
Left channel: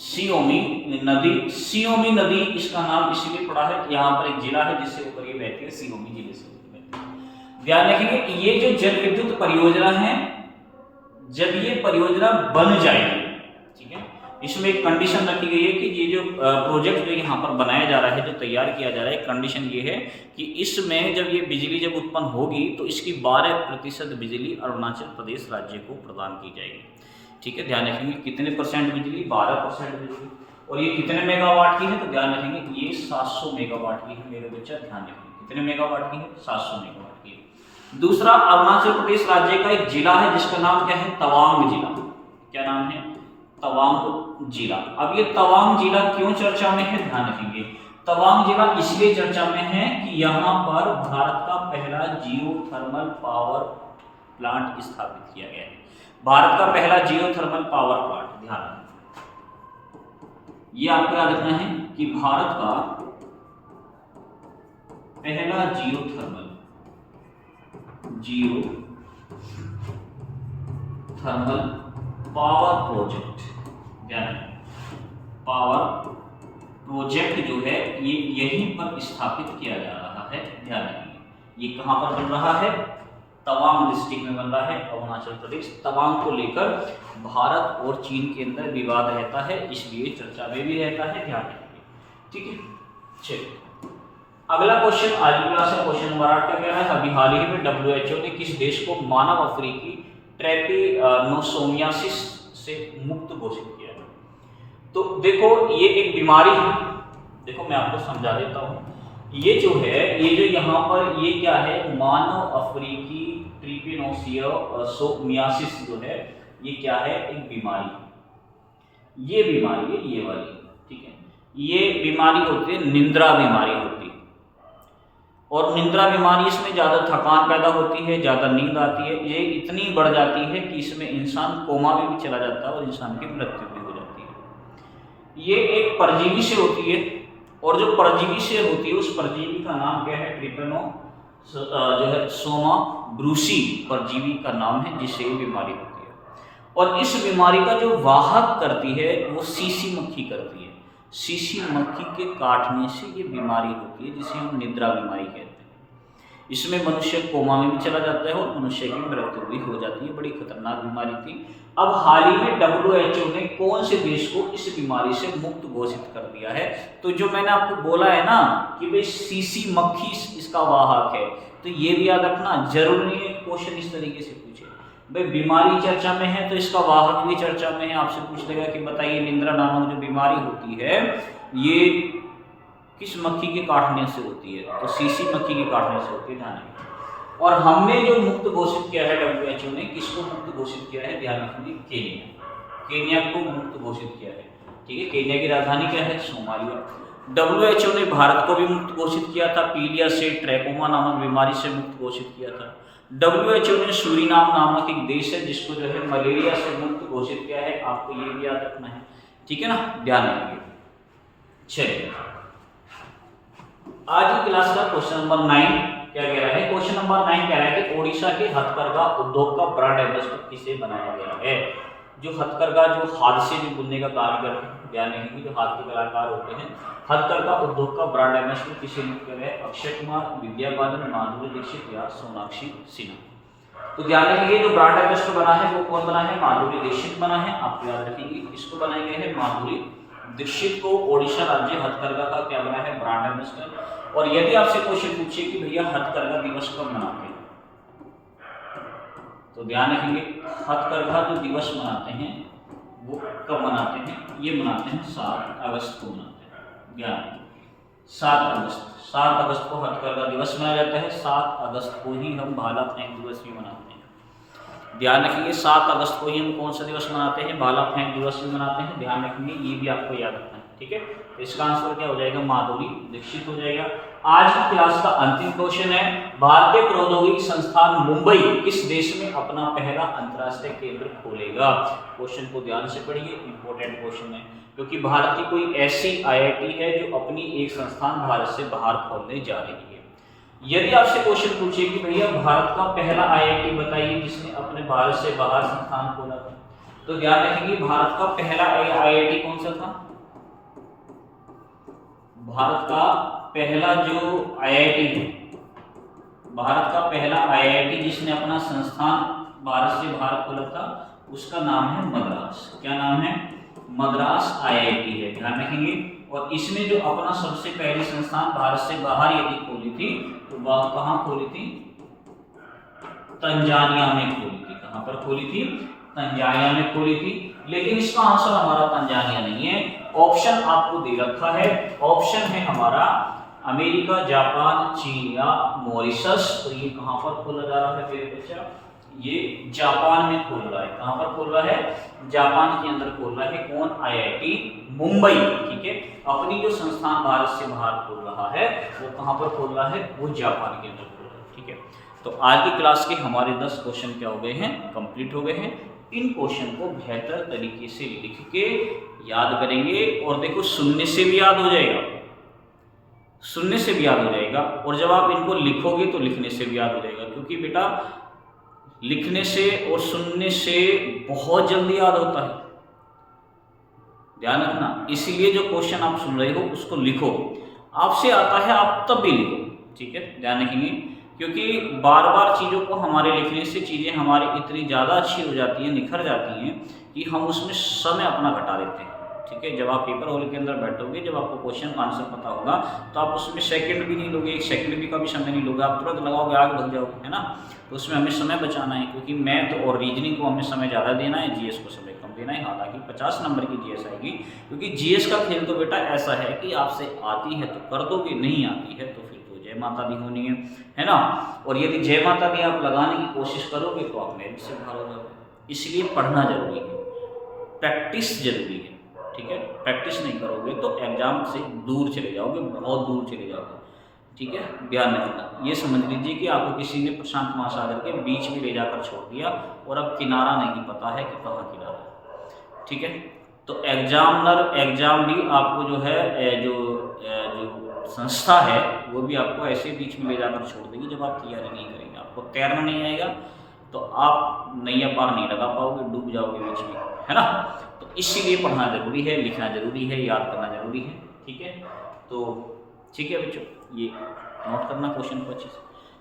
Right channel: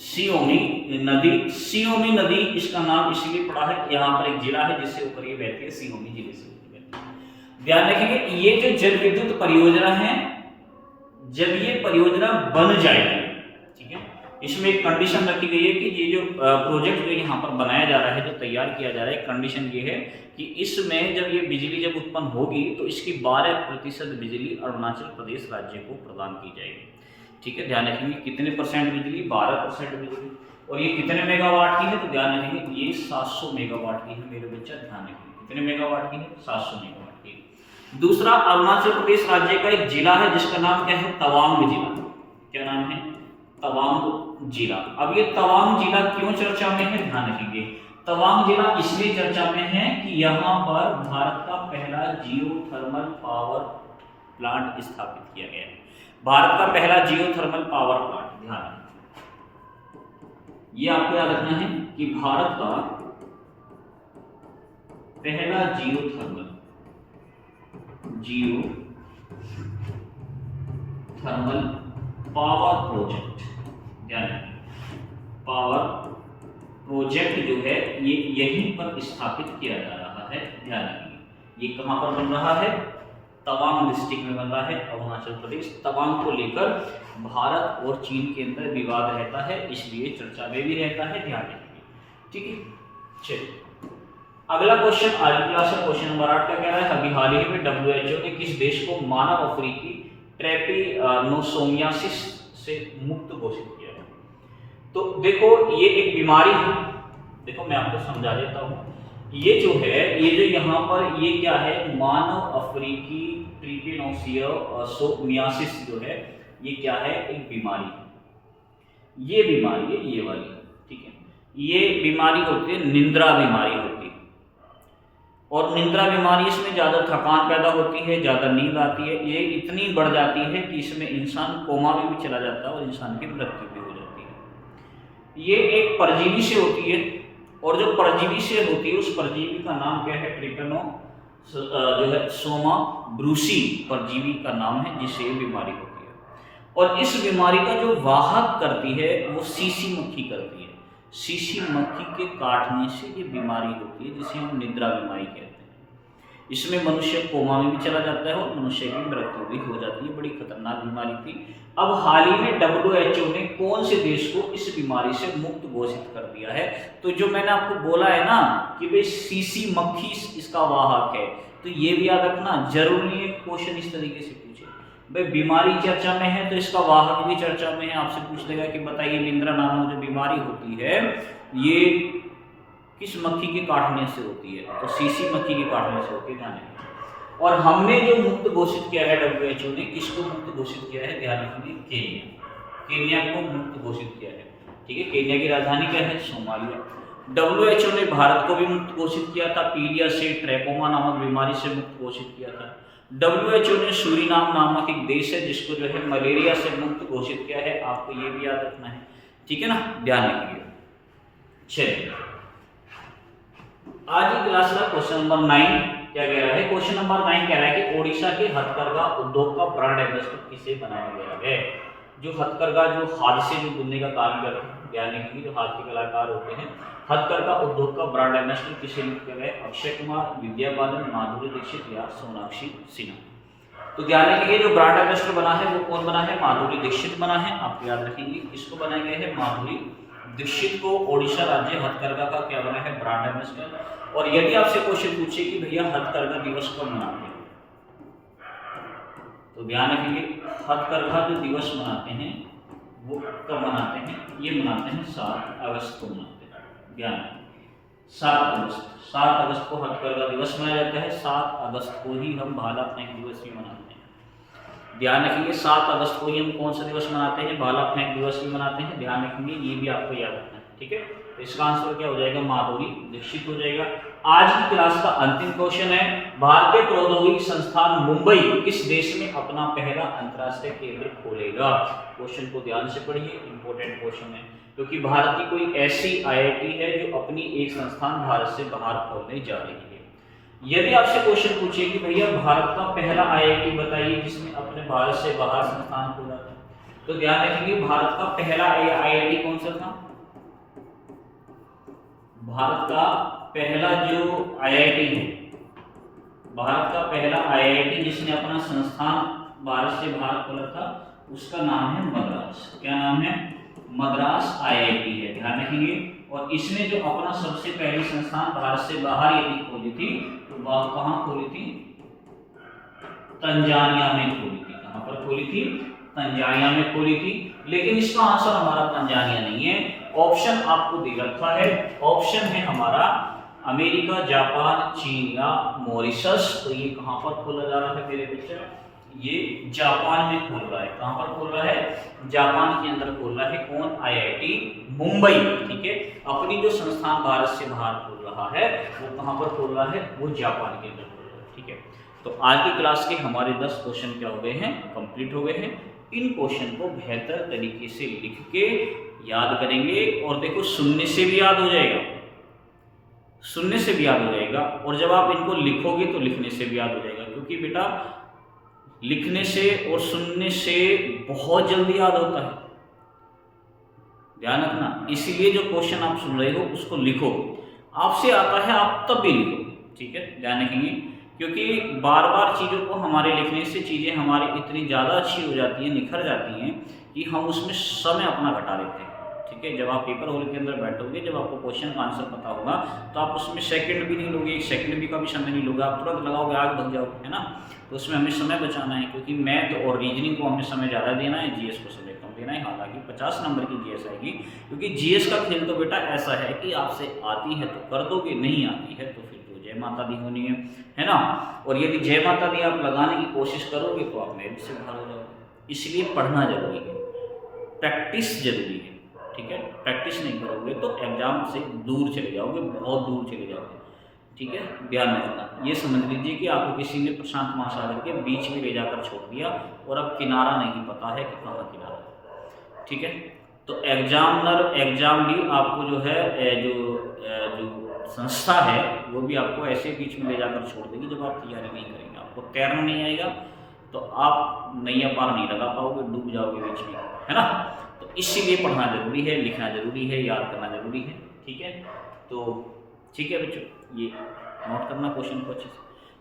सियोमी नदी, सियोमी नदी इसका नाम इसलिए पड़ा है कि यहाँ पर एक जिला है जिससे ऊपर ये बहती है, सियोमी जिले से बहती है। ध्यान रखेंगे ये जो जल विद्युत परियोजना है जब ये परियोजना बन जाएगी, ठीक है, इसमें एक कंडीशन रखी गई है कि ये जो प्रोजेक्ट जो यहाँ पर बनाया जा रहा है, जो तैयार किया जा रहा है, कंडीशन ये है कि इसमें जब ये बिजली जब उत्पन्न होगी तो इसकी 12% बिजली अरुणाचल प्रदेश राज्य को प्रदान की जाएगी। ठीक है, ध्यान रखेंगे कितने परसेंट बिजली, 12% बिजली। और ये कितने मेगावाट की है, तो ध्यान रखेंगे ये 700 मेगावाट की है मेरे बच्चा, ध्यान रखेंगे कितने मेगावाट की है, 700 मेगावाट की है। दूसरा, अरुणाचल प्रदेश राज्य का एक जिला है जिसका नाम क्या है, तवांग जिला। क्या नाम है, तवांग जिला। अब ये तवांग जिला क्यों चर्चा में है, ध्यान रखेंगे तवांग जिला इसलिए चर्चा में है कि यहाँ पर भारत का पहला जियोथर्मल पावर प्लांट स्थापित किया गया है। भारत का पहला जियोथर्मल पावर प्लांट, ध्यान रखें ये आपको याद रखना है कि भारत का पहला जियोथर्मल पावर प्रोजेक्ट, ध्यान पावर प्रोजेक्ट जो है ये यहीं पर स्थापित किया जा रहा है। ध्यान रखिए ये कहां पर बन रहा है, तवांग डिस्ट्रिक्ट में बन रहा है अरुणाचल प्रदेश। तवांग को लेकर भारत और चीन के अंदर विवाद रहता है, इसलिए चर्चा में भी रहता है, ध्यान रखिए। ठीक है, चलिए अगला क्वेश्चन आज की क्लास का क्वेश्चन नंबर 8 क्या कह रहा है, अभी हाल ही में WHO ने किस देश को मानव अफ्रीकी ट्रैपिनोसोमियासिस से मुक्त घोषित किया है। तो देखो ये एक बीमारी है, देखो मैं आपको समझा देता हूँ। ये जो है, ये जो यहाँ पर ये क्या है, मानव अफ्रीकी ट्रैपिनोसोमियासिस जो है ये क्या है, एक बीमारी है। ये बीमारी है ये वाली, ठीक है, ये बीमारी होती है निद्रा बीमारी होती है। और निद्रा बीमारी इसमें ज़्यादा थकान पैदा होती है, ज़्यादा नींद आती है, ये इतनी बढ़ जाती है कि इसमें इंसान कोमा में भी चला जाता है और इंसान की मृत्यु भी हो जाती है। ये एक परजीवी से होती है, और जो परजीवी से होती है उस परजीवी का नाम क्या है, ट्रिपेनो जो है सोमा ब्रूसी परजीवी का नाम है जिससे ये बीमारी होती है। और इस बीमारी का जो वाहक करती है वो सीसी मक्खी करती है। सीसी मक्खी के काटने से ये बीमारी होती है जिसे हम निद्रा बीमारी कहते हैं। इसमें मनुष्य कोमा में भी चला जाता है और मनुष्य की मृत्यु भी हो जाती है। बड़ी खतरनाक बीमारी थी। अब हाल ही में WHO ने कौन से देश को इस बीमारी से मुक्त घोषित कर दिया है। तो जो मैंने आपको बोला है ना कि भाई सीसी मक्खी इसका वाहक है, तो ये भी याद रखना। जरूरी नहीं है क्वेश्चन इस तरीके से पूछे, भाई बीमारी चर्चा में है तो इसका वाहक भी चर्चा में है। आपसे पूछ लेगा कि बताइए निद्रा नामक जो बीमारी होती है ये किस मक्खी के काटने से होती है, तो सीसी मक्खी के काटने से होती है, ध्यान रखिए। और हमने जो मुक्त घोषित किया है WHO ने, किसको मुक्त घोषित किया है, ध्यान रखिए केन्या को मुक्त घोषित किया है। ठीक है, केन्या की राजधानी क्या है, सोमालिया। WHO ने भारत को भी मुक्त घोषित किया था, पीलिया से ट्रैकोमा नामक बीमारी से मुक्त घोषित किया था। WHO ने सूरीनाम नामक एक देश है जिसको जो है मलेरिया से मुक्त घोषित किया है। आपको ये भी याद रखना है, ठीक है ना, ध्यान रखिए। चलिए आज की क्लास का क्वेश्चन नंबर 9 क्या कह रहा है, क्वेश्चन नंबर 9 कह रहा है कि ओडिशा के हथकरघा उद्योग का ब्रांड एम्बेसडर किसे बनाया गया है। जो हथकरघा जो हाथ से जो बुनने का काम करते हैं, ध्यान रखेंगे जो हाथ के कलाकार होते हैं, हथकरघा उद्योग का ब्रांड एम्बेसडर किसे नियुक्त किया गया है, अक्षय कुमार, विद्या बालन, माधुरी दीक्षित या सोनाक्षी सिन्हा। तो ध्यान रखिए जो ब्रांड एम्बेसडर बना है वो कौन बना है, माधुरी दीक्षित बना है। आप याद रखेंगे किसको बनाया गया है, माधुरी दीक्षित को ओडिशा राज्य हथकरघा का क्या बना है, ब्रांड एम्बेसडर। और यदि आपसे क्वेश्चन पूछे कि भैया हथकरघा दिवस कब मनाते हैं, तो ध्यान रखेंगे हथकरघा जो दिवस मनाते हैं वो कब मनाते हैं, ये मनाते हैं 7 अगस्त को मनाते हैं। ध्यान 7 अगस्त को हथकरघा दिवस मनाया जाता है। 7 अगस्त को ही हम भाला फेंक दिवस भी मनाते हैं। ध्यान रखिए 7 अगस्त को ही हम कौन सा दिवस मनाते हैं, भाला फेंक दिवस भी मनाते हैं। ध्यान रखेंगे ये भी आपको याद रखना है, ठीक है। तो इसका आंसर क्या हो जाएगा, माधुरी दीक्षित हो जाएगा। आज की क्लास का अंतिम क्वेश्चन है, भारतीय प्रौद्योगिकी संस्थान मुंबई किस देश में अपना पहला अंतर्राष्ट्रीय केंद्र खोलेगा। क्वेश्चन को ध्यान से पढ़िए, इंपॉर्टेंट क्वेश्चन है क्योंकि भारत की कोई ऐसी IIT है जो अपनी एक संस्थान भारत से बाहर खोलने जा रही है। यदि आपसे क्वेश्चन पूछे कि भैया भारत का पहला IIT बताइए जिसने अपने भारत से बाहर संस्थान खोला था, तो ध्यान रखेंगे भारत का पहला IIT कौन सा था, भारत का पहला जो IIT है, भारत का पहला IIT जिसने अपना संस्थान भारत से बाहर खोला था उसका नाम है मद्रास। क्या नाम है? मद्रास IIT है, ध्यान रखेंगे। और इसने जो अपना सबसे पहली संस्थान भारत से बाहर यदि खोली थी तो वह कहाँ खोली थी? तंजानिया में खोली थी। कहाँ पर खोली थी? तंजानिया में खोली थी। लेकिन इसका आंसर हमारा तंजानिया नहीं है। ऑप्शन आपको दे रखा है, ऑप्शन है हमारा अमेरिका, जापान, चीन या मॉरिशस। तो ये कहाँ पर खोला जा रहा है मेरे बच्चा? ये जापान में खोल रहा है। कहाँ पर खोल रहा है? जापान के अंदर खोल रहा है। कौन? IIT मुंबई। ठीक है, अपनी जो संस्थान भारत से बाहर खोल रहा है वो कहाँ पर खोल रहा है? वो जापान के अंदर खोल रहा है। ठीक है, तो आज की क्लास के हमारे 10 क्वेश्चन क्या हो गए हैं? कंप्लीट हो गए हैं। इन क्वेश्चन को बेहतर तरीके से लिख के याद करेंगे। और देखो, सुनने से भी याद हो जाएगा, सुनने से भी याद हो जाएगा। और जब आप इनको लिखोगे तो लिखने से भी याद हो जाएगा, क्योंकि बेटा लिखने से और सुनने से बहुत जल्दी याद होता है, ध्यान रखना। इसीलिए जो क्वेश्चन आप सुन रहे हो उसको लिखो। आपसे आता है आप तब भी लिखो, ठीक है, ध्यान रखेंगे। क्योंकि बार बार चीज़ों को हमारे लिखने से चीज़ें हमारी इतनी ज़्यादा अच्छी हो जाती हैं, निखर जाती हैं कि हम उसमें समय अपना घटा देते हैं। ठीक है, जब आप पेपर हॉल के अंदर बैठोगे, जब आपको क्वेश्चन का आंसर पता होगा तो आप उसमें सेकंड भी नहीं लोगे, 1 सेकंड भी का भी समय नहीं लोगे, आप तुरंत लगाओगे, आगे भाग जाओगे, है ना। तो उसमें हमें समय बचाना है, क्योंकि मैथ और रीजनिंग को हमें समय ज़्यादा देना है, जीएस को समय कम देना है। हालांकि 50 नंबर की जीएस आएगी, क्योंकि जीएस का खेल तो बेटा ऐसा है कि आपसे आती है तो कर दोगे, नहीं आती है तो फिर तो जय माता दी होनी है ना। और यदि जय माता दी आप लगाने की कोशिश करोगे तो आप मेरिट से बाहर हो जाओगे। इसलिए पढ़ना जरूरी है, प्रैक्टिस जरूरी है। ठीक है, प्रैक्टिस नहीं करोगे तो एग्जाम से दूर चले जाओगे, बहुत दूर चले जाओगे। ठीक है, ध्यान रखना। ये समझ लीजिए कि आपको किसी ने प्रशांत महासागर के बीच में ले जाकर छोड़ दिया और अब किनारा नहीं पता है कि कहाँ किनारा है। ठीक है, तो एग्जाम भी आपको जो है जो संस्था है वो भी आपको ऐसे बीच में ले जाकर छोड़ देगी जब आप तैयारी नहीं करेंगे। आपको तैरना नहीं आएगा तो आप नैया पार नहीं लगा पाओगे, डूब जाओगे बीच में, है ना। तो इसीलिए पढ़ना जरूरी है, लिखना जरूरी है, याद करना जरूरी है। ठीक है, तो ठीक है बच्चों, ये नोट करना क्वेश्चन को अच्छे से।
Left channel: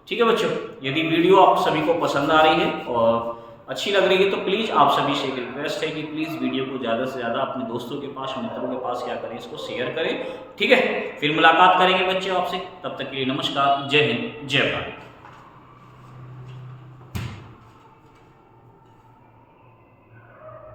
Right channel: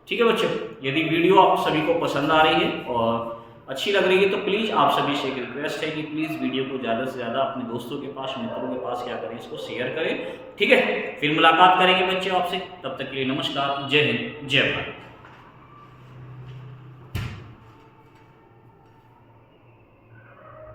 ठीक है बच्चों, यदि वीडियो आप सभी को पसंद आ रही है और अच्छी लग रही है तो प्लीज़ आप सभी से एक रिक्वेस्ट है कि प्लीज़ वीडियो को ज़्यादा से ज़्यादा अपने दोस्तों के पास, मित्रों के पास क्या करें, इसको शेयर करें। ठीक है, फिर मुलाकात करेंगे बच्चे आपसे, तब तक के लिए नमस्कार, जय हिंद, जय भारत।